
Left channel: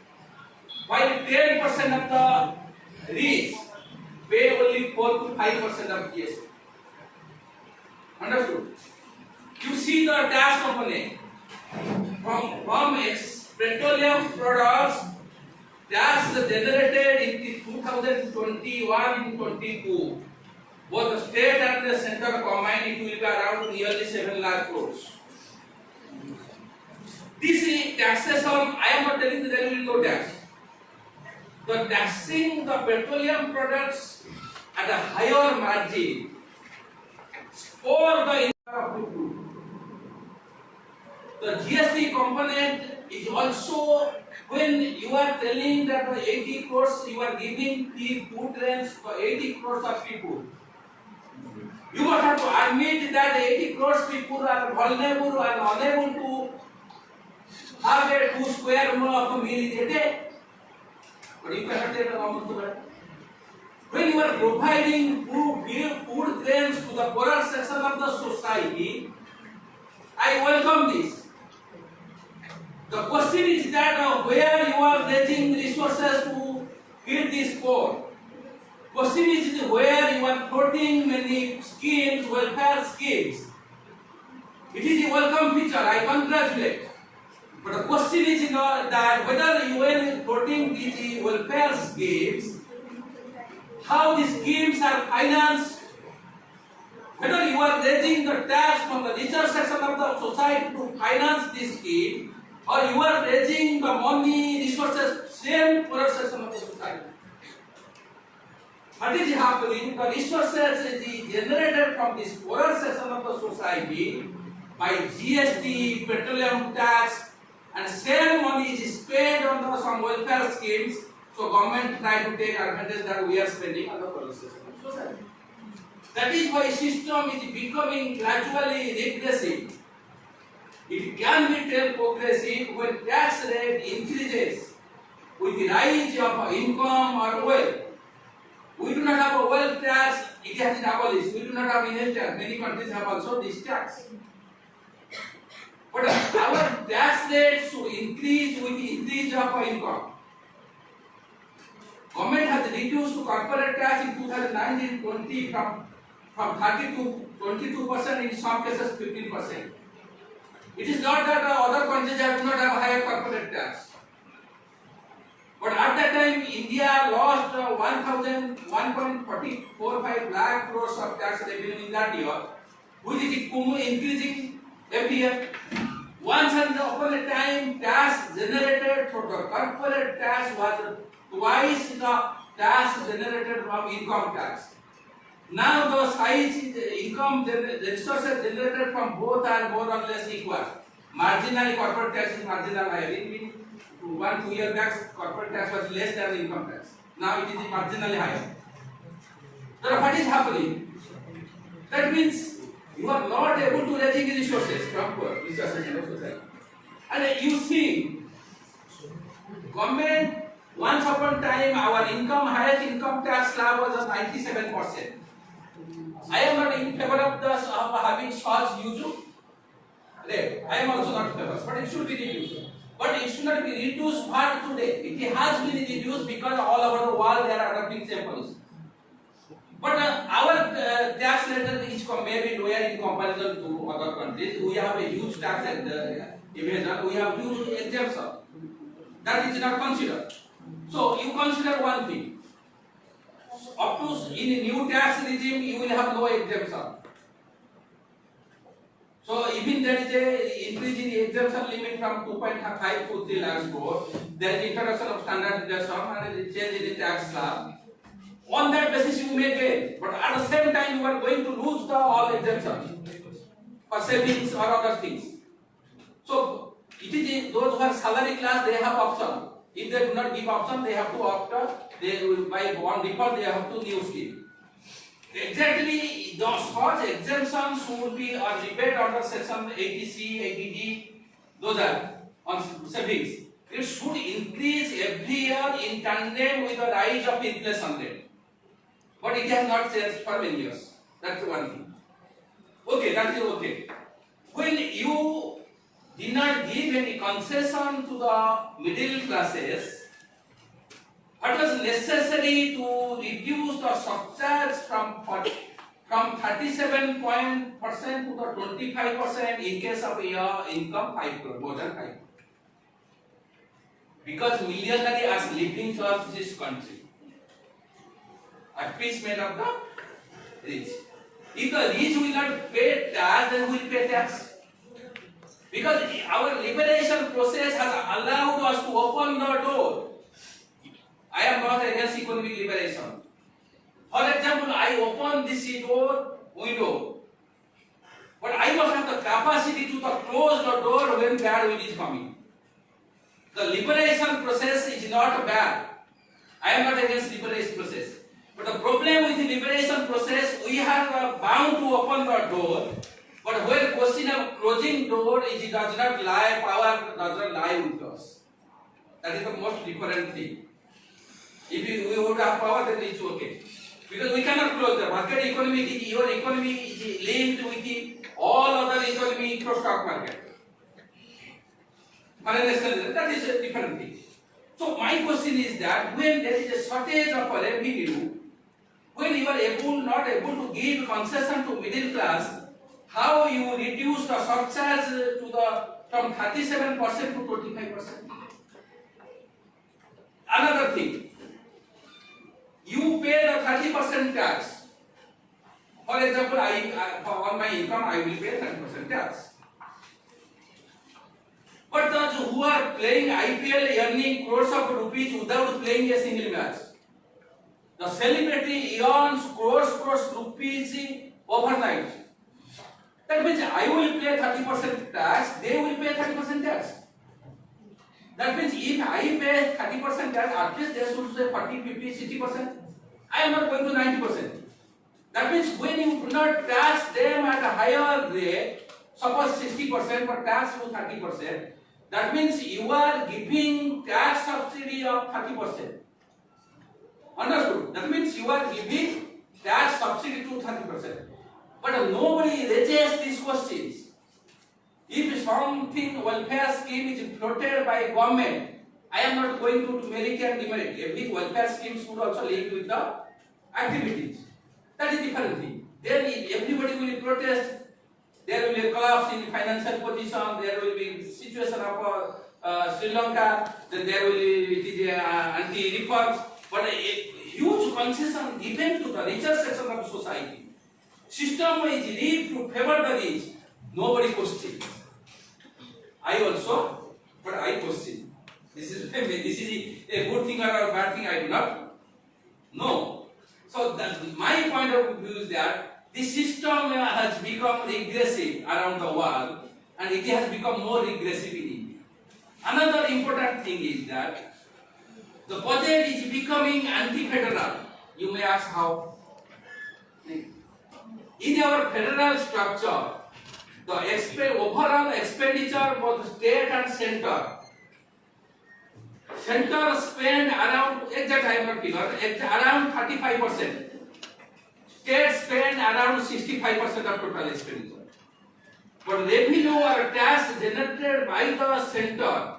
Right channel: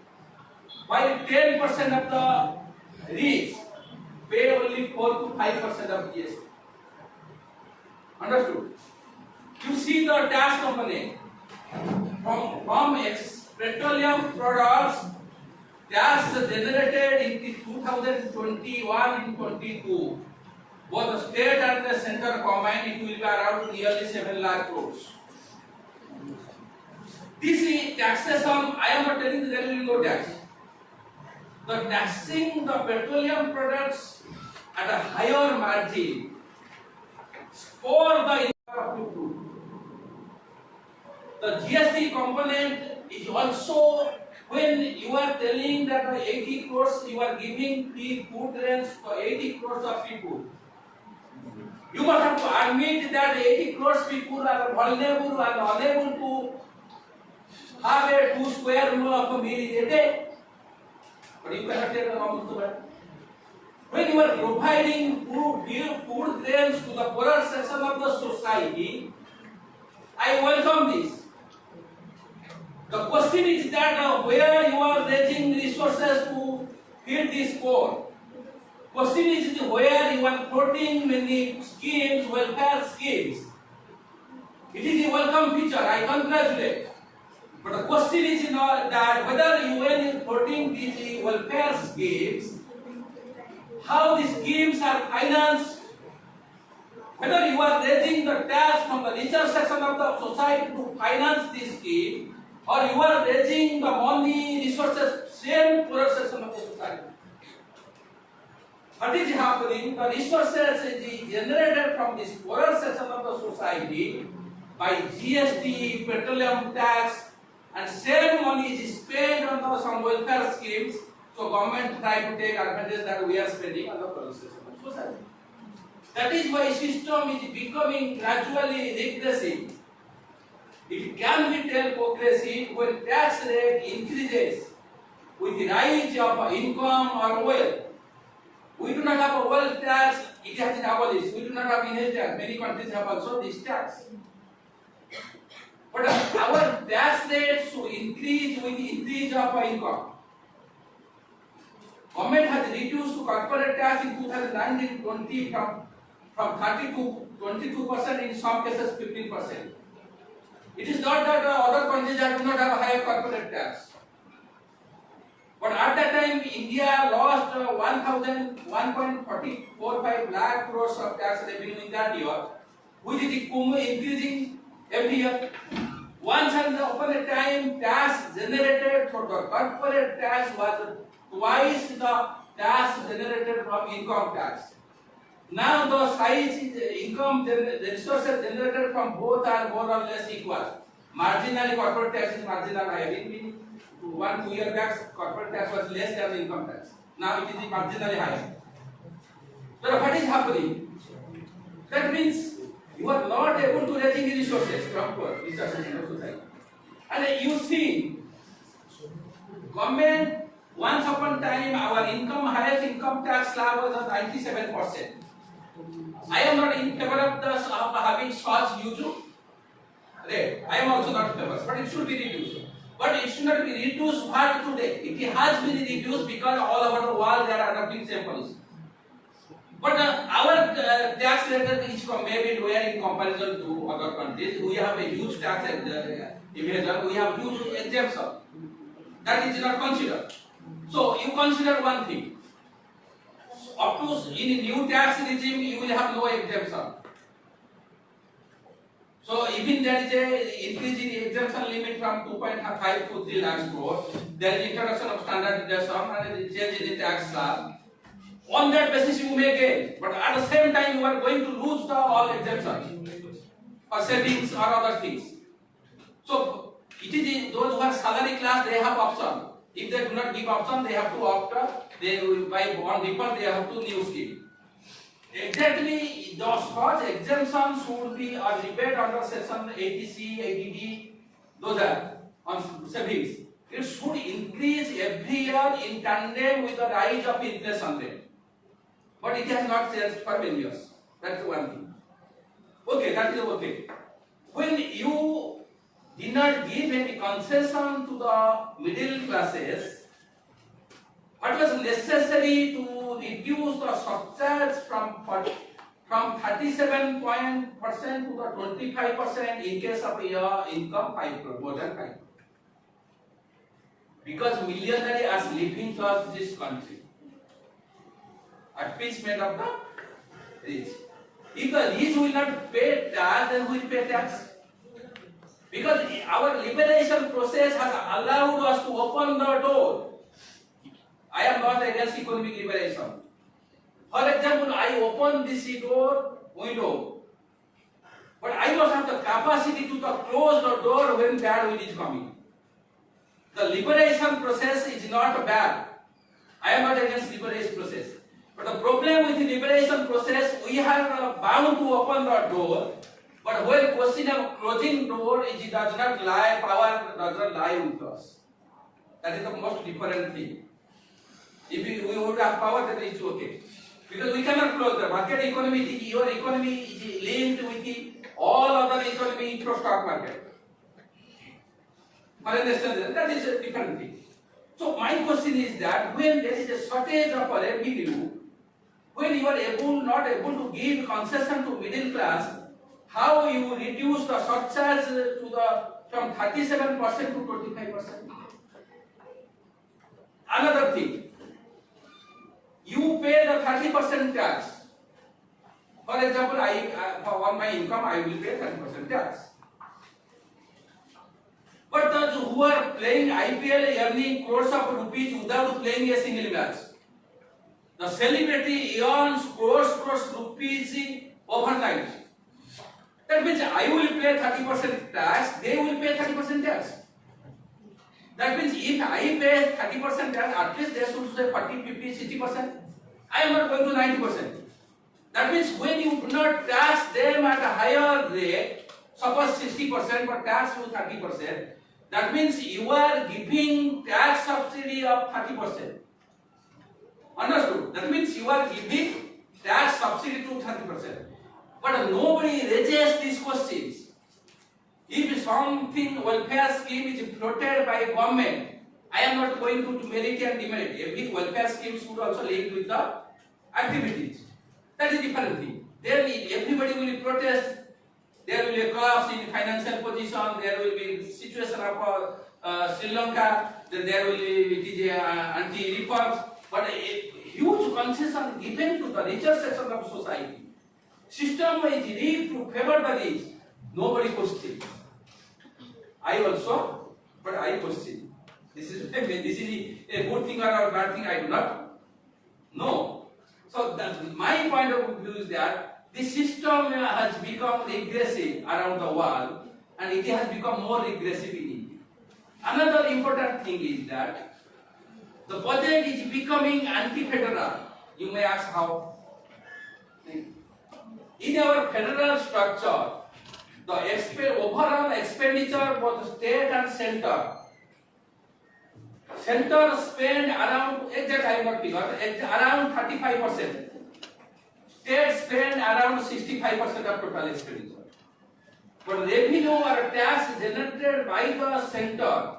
while 10% of the rich pay only 4 to 5% of GST. Understood? You see the tax component from petroleum products, tax generated in 2021 and 22. Both the state and the center combined, it will be around nearly 7 lakh crores. This is taxation. I am not telling you there will be no tax. The taxing the petroleum products at a higher margin for the income of the group. The GST component is also when you are telling that the 80 crores you are giving the food range for 80 crores of people. You must have to admit that 80 crores people are vulnerable and unable to have a 2 square meal of a meal in a day. But you cannot tell them to that. When you are providing food grains to the poorer section of the society, I welcome this. The question is that where you are raising resources to feed this poor. Question is where you are putting many schemes, welfare schemes. It is a welcome feature, I congratulate. But the question is that whether you are putting these welfare schemes, how the schemes are financed, whether you are raising the tax from the richer section of the society to finance this scheme, or you are raising the money, resources, same poorer section of the society. What is happening? The resources is generated from this poorer section of the society by GST, petroleum tax, and same money is spent on some welfare schemes. So government try to take advantage that we are spending on the poorer section of society. That is why system is becoming gradually regressive. It can be turned progressive when tax rate increases with the rise of income or wealth. We do not have a wealth tax, it has been abolished. We do not have inheritance. Many countries have also this tax. But our tax rate should increase with the increase of income. Government has reduced corporate tax in 2019-20 from 30 to 22%, in some cases 15%. It is not that other countries do not have a higher corporate tax. But at that time, India lost 1.45 lakh crores of tax revenue in that year, which is increasing every year. Once upon a time, tax generated for the corporate tax was twice the tax generated from income tax. Now the size is income, the resources generated from both are more or less equal. Marginally, corporate tax is marginal higher. In 1-2 years back, corporate tax was less than income tax. Now it is marginally higher. So what is happening? That means you are not able to raising resources from poor resources in the society. And you see, government once upon time our highest income tax slab was 97%. I am not in favor of the having such huge rate. I am also not famous, but it should be reduced. But it should not be reduced what today. It has been reduced because all over the world they are adopting same policy. But our tax rate is maybe lower in comparison to other countries. We have a huge tax and evasion. We have huge exemption. That is not considered. So you consider one thing. Up to in a new tax regime, you will have no exemption. So even there is a increase in exemption limit from 2.5 to 3 lakhs crore. There is introduction of standard deduction and a change in the tax slab. On that basis you may gain, but at the same time you are going to lose the all exemptions for savings or other things. So it is in those who are salary class, they have option. If they do not give option, they have to opt. They will buy on default. They have to new scheme. Exactly, those such exemptions will be or rebate under section 80C, 80D. Those are on savings. It should increase every year in tandem with the rise of inflation rate. But it has not changed for many years. That's one thing. Okay, that is okay. When you did not give any concession to the middle classes, what was necessary to reduce the surcharge from 37% to the 25% in case of your income 5 crore, more than 5 crore. Because millionaires are living to this country. Appeasement of the rich. If the rich will not pay tax, then who will pay tax? Because our liberation process has allowed us to open the door. I am not against economic liberation. For example, I open this window, but I must have the capacity to close the door when bad wind is coming. The liberation process is not bad. I am not against liberation process. But the problem with the liberation process, we are bound to open the door. But when the question of closing door, it does not lie, power does not lie with us. That is the most different thing. If we would have power, then it's okay. Because we cannot close the market economy. Your economy is linked with all other economy through stock market. That is a different thing. So my question is that when there is a shortage of revenue, when you are not able to give concession to middle class, how you reduce the surcharge to from 37% to 25%? Another thing, you pay the 30% tax. For example, on my income I will pay 30% tax. But those who are playing IPL earning crores of rupees without playing a single match, the celebrity earns crores rupees overnight. That means I will pay 30% tax, they will pay 30% tax. That means if I pay 30% tax, at least they should say 40, 50, 60%. I am not going to 90%. That means when you do not tax them at a higher rate, suppose 60% but tax to 30%, that means you are giving tax subsidy of 30%. Understood? That means you are giving tax subsidy to 30%. But nobody raises these questions. If something welfare scheme is floated by a government, I am not going to merit and demerit. Every welfare scheme should also link with the activities. That is a different thing. Then everybody will protest. There will be a collapse in financial position. There will be situation of Sri Lanka. Then there will be anti-reforms. But a huge concession given to the richer section of society. System is rigged to favor the rich. Nobody questions. I also, but I question. This is a good thing or a bad thing. I do not know. So my point of view is that the system has become regressive around the world, and it has become more regressive in India. Another important thing is that the budget is becoming anti-federal. You may ask how. In our federal structure, the overall expenditure both state and center spend around, exact I am not figure, around 35%. State spend around 65% of total expenditure. but revenue or tax generated by the center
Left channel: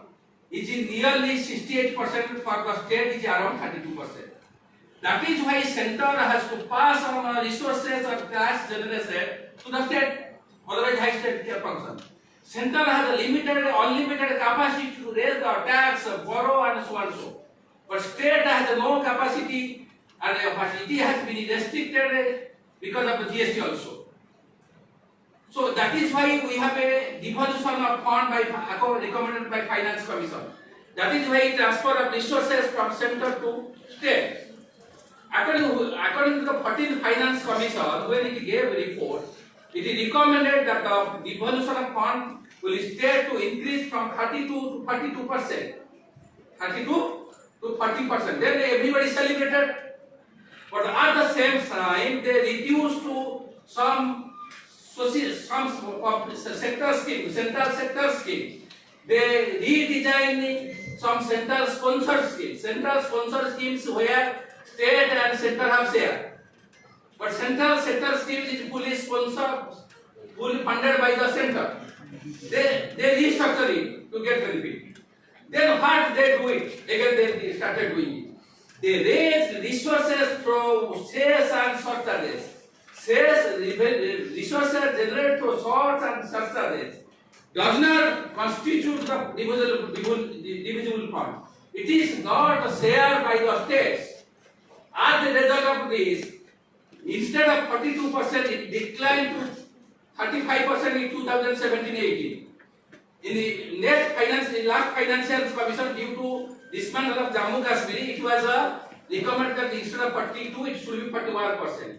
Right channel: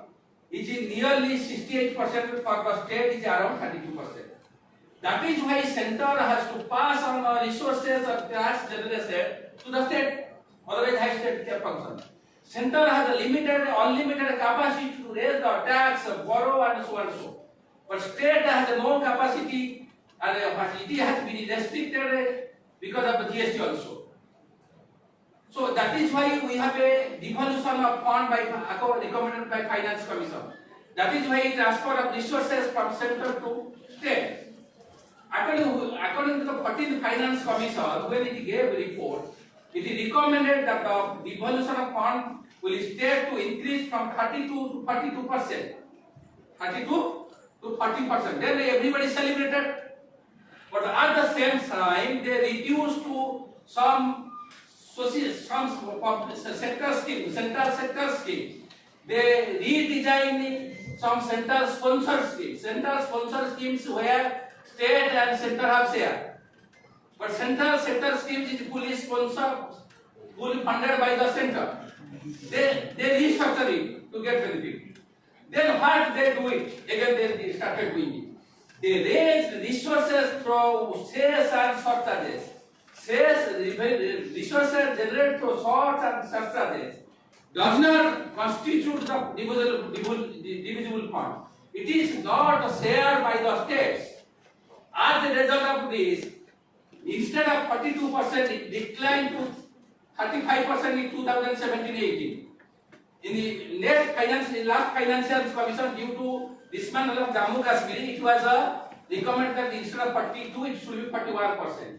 is in nearly 68%, for the state is around 32%. That is why center has to pass on resources or tax generation to the state, otherwise high state can function. Center has a unlimited capacity to raise the tax, borrow and so and so. But state has no capacity, and it has been restricted because of the GST also. So that is why we have a devolution of fund by recommended by Finance Commission. That is why transfer of resources from center to state. According to the 14th Finance Commission, when it gave a report, it recommended that the devolution of fund will stay to increase from 32 to 42%. 32 to 40%. Then everybody celebrated. But at the same time, they reduced to some sector schemes, central sector schemes. They redesigned some central sponsor schemes. Central sponsor schemes where state and center have share. But central sector schemes is fully sponsored, fully funded by the center. They restructure it to get benefit. Then what they do it? Again they started doing it. They raise resources through sales and surcharges. Sales resources generated through short and surcharges does not constitute the divisible fund. It is not shared by the states. As a result of this, instead of 42%, it declined to 35% in 2017-18. In the last financial commission, due to dismantling of Jammu Kashmir, it was recommended that instead of 42, it should be 41%.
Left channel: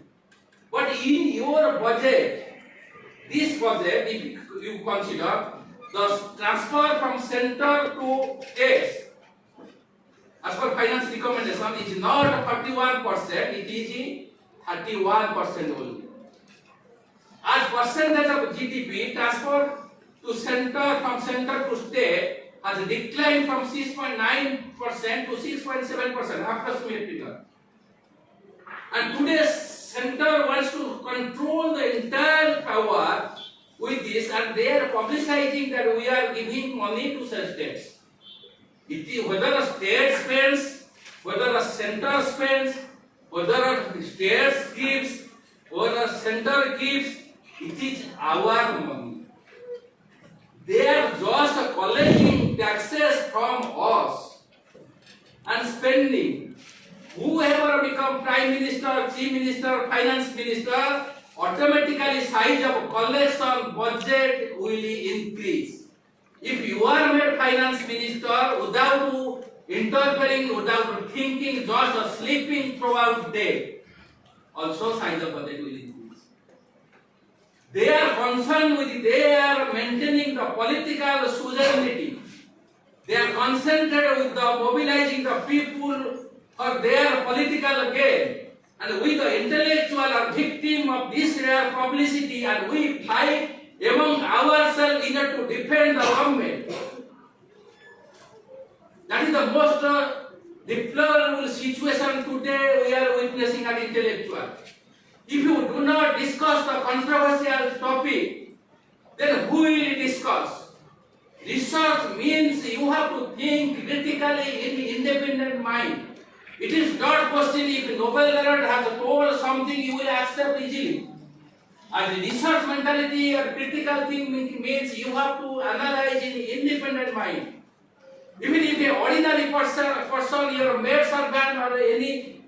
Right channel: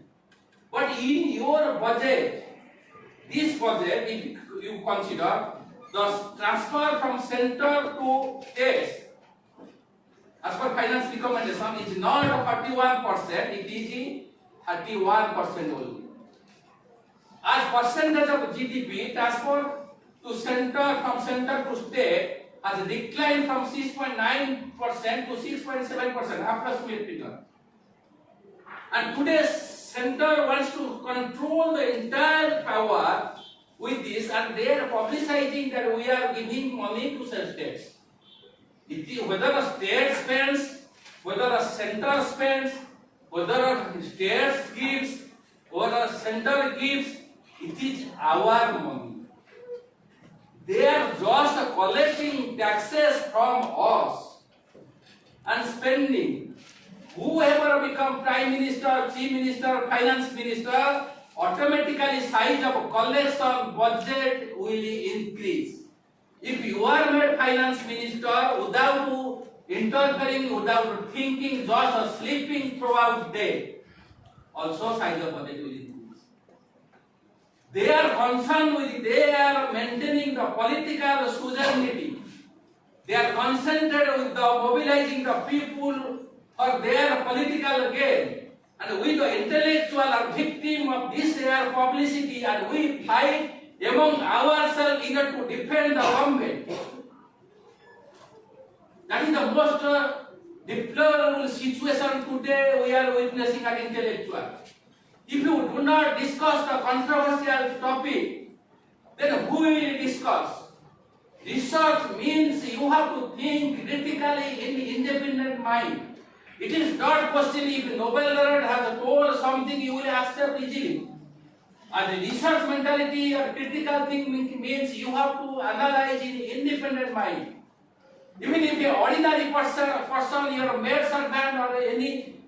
But in your budget, this budget, if you consider the transfer from center to states, as per finance recommendation, is not 41%, it is 31% only. As percentage of GDP, transfer to center from center to state has declined from 6.9% to 6.7%, approximate figure. And today's center wants to control the entire power with this, and they are publicizing that we are giving money to states. Whether a state spends, whether a center spends, whether a state gives, or a center gives, it is our money. They are just collecting taxes from us and spending. Whoever become prime minister, chief minister, finance minister, automatically size of collection budget will increase. If you are made finance minister without interfering, without thinking, just sleeping throughout the day, also size of budget will increase. They are concerned with, they are maintaining the political sovereignty. They are concentrated with the mobilizing the people for their political gain. And we the intellectual are victim of this rare publicity, and we fight among ourselves in order to defend the government. That is the most deplorable situation today we are witnessing an intellectual. If you do not discuss the controversial topic, then who will discuss? Research means you have to think critically in independent mind. It is not question if a Nobel laureate has told something you will accept easily. And the research mentality or critical thinking means you have to analyze in independent mind. Even if an ordinary person, your maid servant or any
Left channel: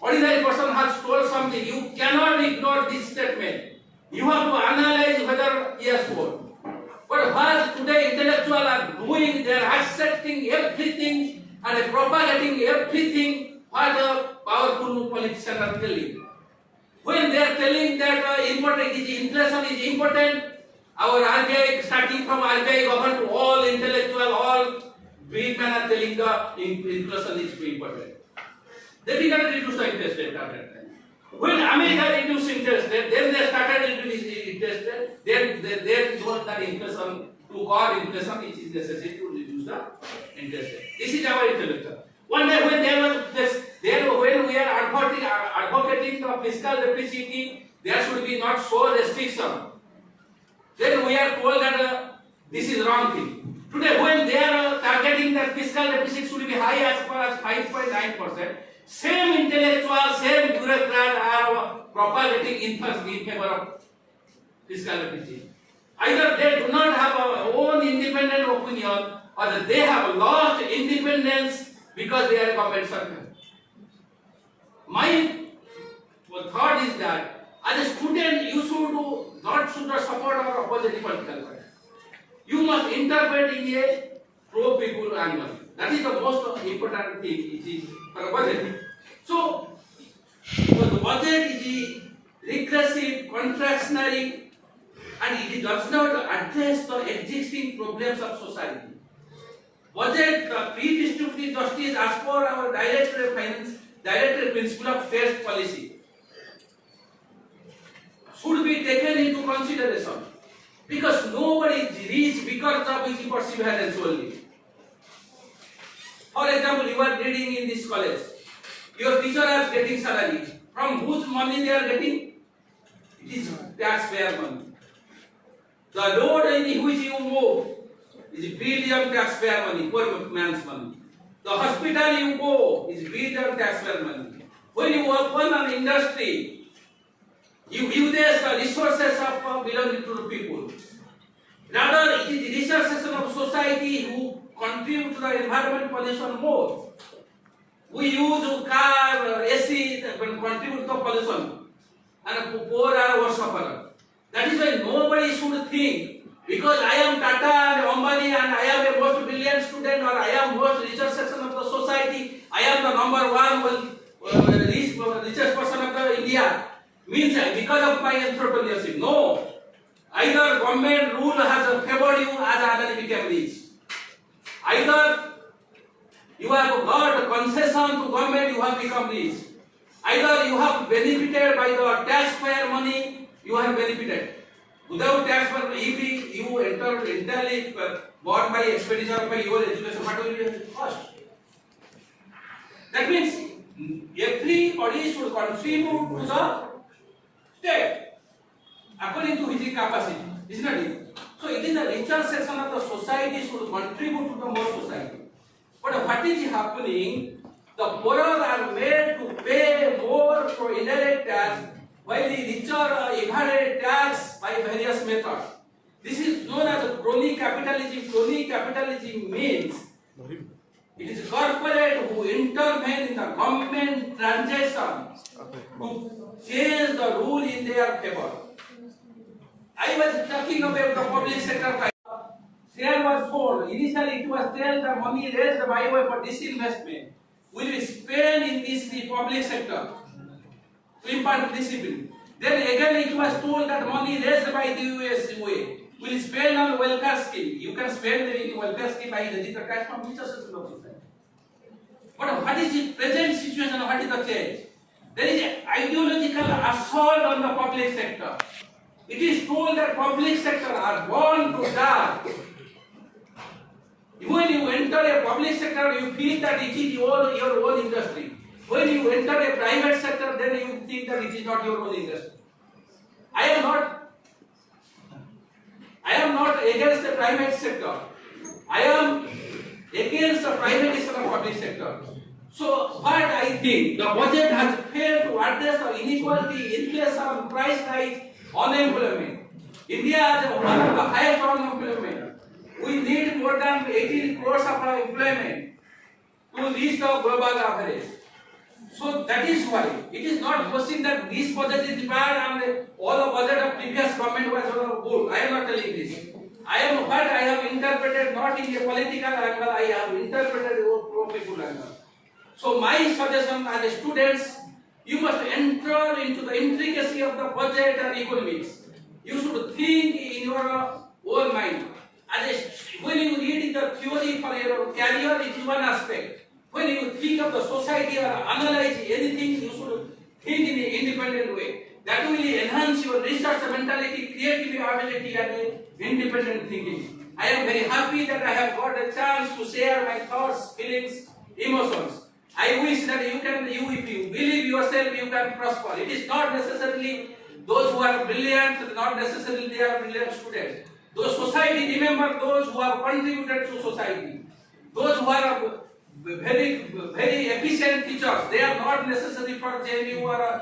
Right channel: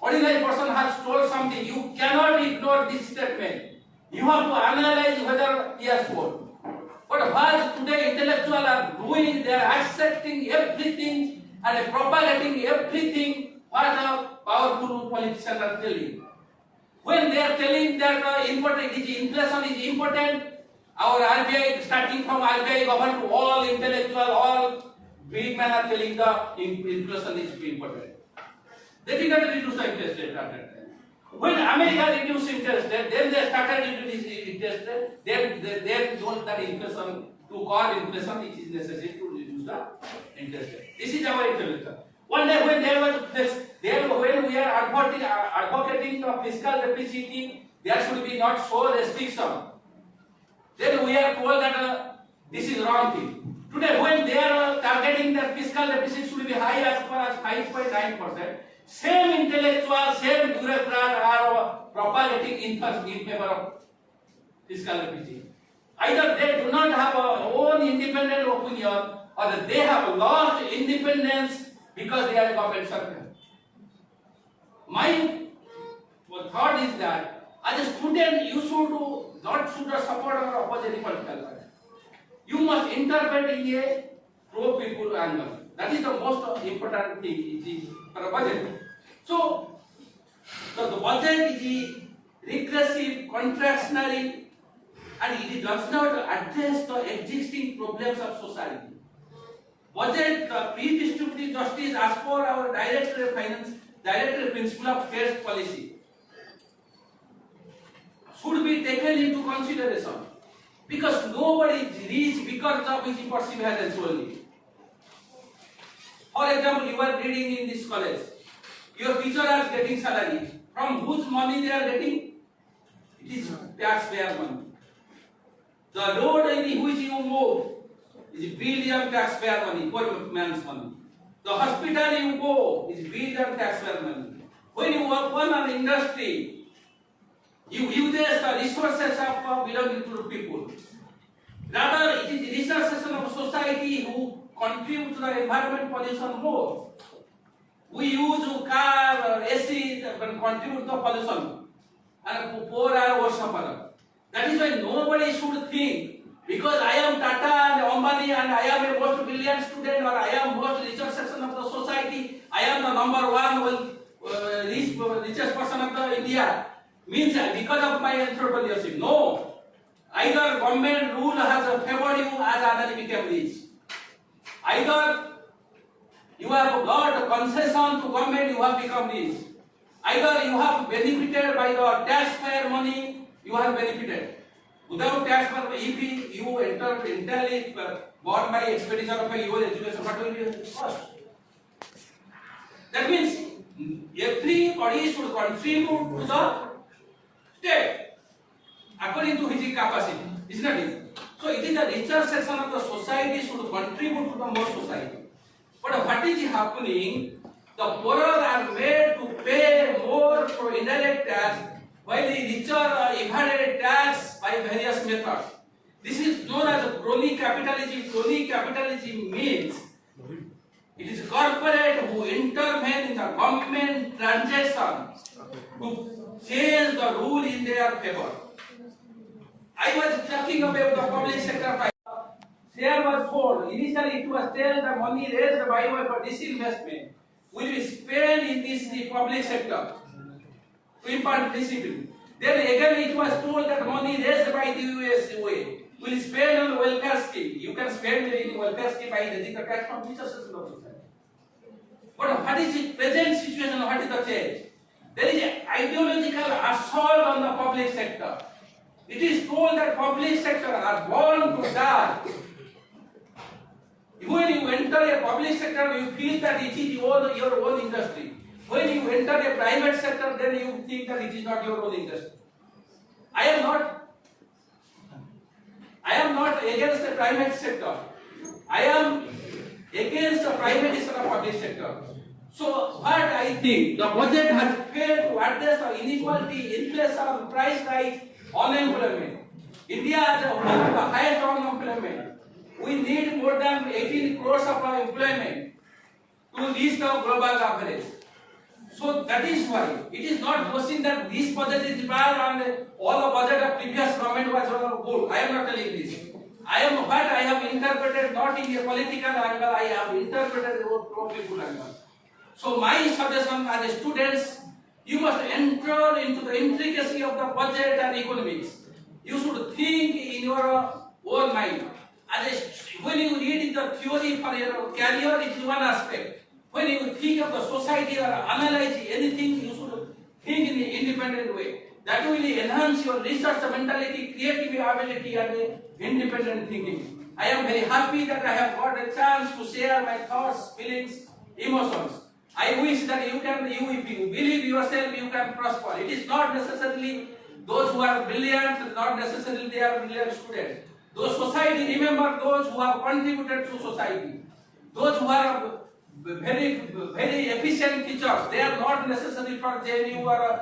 ordinary person has told something, you cannot ignore this statement. You have to analyze whether he has told. But what today intellectuals are doing, they are accepting everything and propagating everything what the powerful politicians are telling. When they are telling that inflation is important, our RBI, starting from RBI government to all intellectual, all big men are telling the inflation is important. They did not reduce the interest rate at that time. When America reduced interest rate, then they started reducing interest rate. Then told that inflation, to call inflation, it is necessary to reduce the interest rate. This is our intellectual. One day when when we are advocating the fiscal deficit, there should be not so restriction. then we are told that this is wrong thing. Today, when they are targeting that fiscal deficit should be high as far as 5.9%, same intellectual, same bureaucrat are propagating interest in favor of fiscal deficit. Either they do not have a own independent opinion, or they have lost independence because they are government circle. My thought is that as a student, you should not support or oppose any political party. You must interpret in a pro-people angle. That is the most important thing. It is for a budget. So, the budget is regressive, contractionary, and it does not address the existing problems of society. Budget, the redistributive justice as per our director finance, director principle of fair policy, should be taken into consideration, because nobody is rich because of his perseverance only. For example, you are reading in this college, your teacher is getting salary. From whose money they are getting? It is taxpayer money. The road in which you move is billion taxpayer money, poor man's money. The hospital you go is billion taxpayer money. When you open an industry, you use the resources of belonging to the people. Rather, it is the resources of society who contribute to the environment pollution more. We use car, AC, when contribute to pollution, and poor are worse sufferer. That is why nobody should think, because I am Tata and Ambani and I am a most brilliant student, or I am most richest section of the society, I am the number one richest person of the India, means because of my entrepreneurship. No. Either government rule has favored you as Adani became rich. Either you have got concession to government, you have become rich. Either you have benefited by your taxpayer money, you have benefited. Without taxpayer, if you enter entirely bought by expenditure of your education, what will be the cost? That means everybody should contribute to the state according to his capacity, isn't it? So it is the richer section of the society should contribute to the more society. But what is happening? The poorer are made to pay more for indirect tax, while the richer are evaded tax by various methods. This is known as crony capitalism. Crony capitalism means it is corporate who intervene in the government transactions to change the rule in their favor. I was talking about the public sector. Share was sold. Initially, it was told the money raised by for disinvestment will be spent in the public sector to impart discipline. Then again, it was told that money raised by the USUA will spend on welfare scheme. You can spend in welfare scheme by the tax from which system of society. But what is the present situation? What is the change? There is an ideological assault on the public sector. It is told that public sector are born to die. When you enter a public sector, you feel that it is your own industry. When you enter a private sector, then you think that it is not your own industry. I am not against the private sector. I am against the privatization of public sector. So, what I think, the budget has failed to address the inequality, inflation, price rise, unemployment. India has one of the highest unemployment. We need more than 18 crores of employment to reach the global average. So that is why it is not question that this budget is bad and all the budget of previous government was good. I am not telling this. I have interpreted not in a political angle, I have interpreted from people angle. So my suggestion as students, you must enter into the intricacy of the budget and economics. You should think in your own mind. When you read the theory for your career, it is one aspect. When you think of the society or analyze anything, you should think in an independent way. That will enhance your research mentality, creative ability, and independent thinking. I am very happy that I have got a chance to share my thoughts, feelings, emotions. I wish that if you believe yourself, you can prosper. It is not necessarily those who are brilliant, not necessarily they are brilliant students. Those society, remember those who have contributed to society. Those who are very efficient teachers, they are not necessarily from JMU or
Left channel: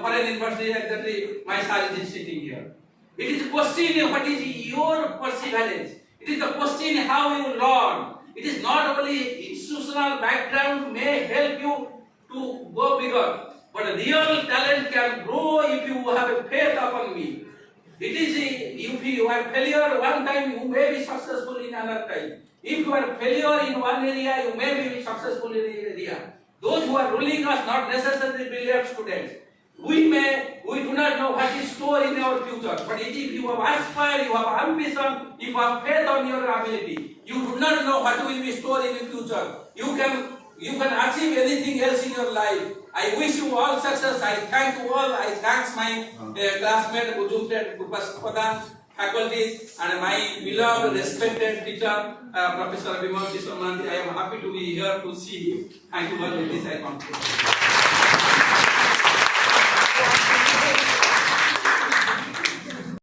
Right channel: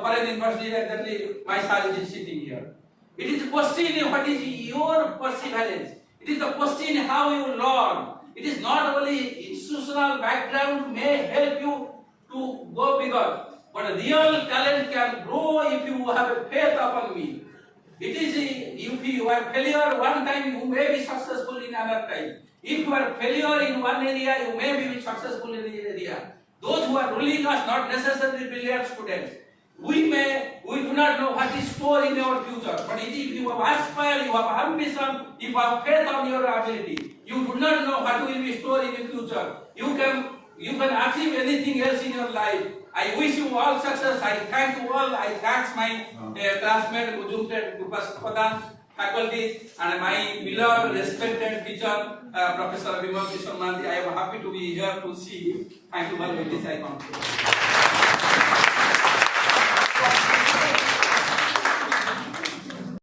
foreign university. Exactly, my son is sitting here. It is a question what is your perseverance. It is the question how you learn. It is not only institutional background may help you to go bigger, but real talent can grow if you have a faith upon me. It is if you are failure one time, you may be successful in another time. If you are failure in one area, you may be successful in the area. Those who are ruling us not necessarily brilliant students. We do not know what is stored in our future. But if you have aspire, you have ambition, if you have faith on your ability, you do not know what will be stored in the future. You can achieve anything else in your life. I wish you all success. I thank you all. I thank my classmate, Ujumted Gurpaspada, faculties, and my beloved, respected teacher, Professor Vimal Kishan Mandi. I am happy to be here to see you. Thank you all. With this, I conclude.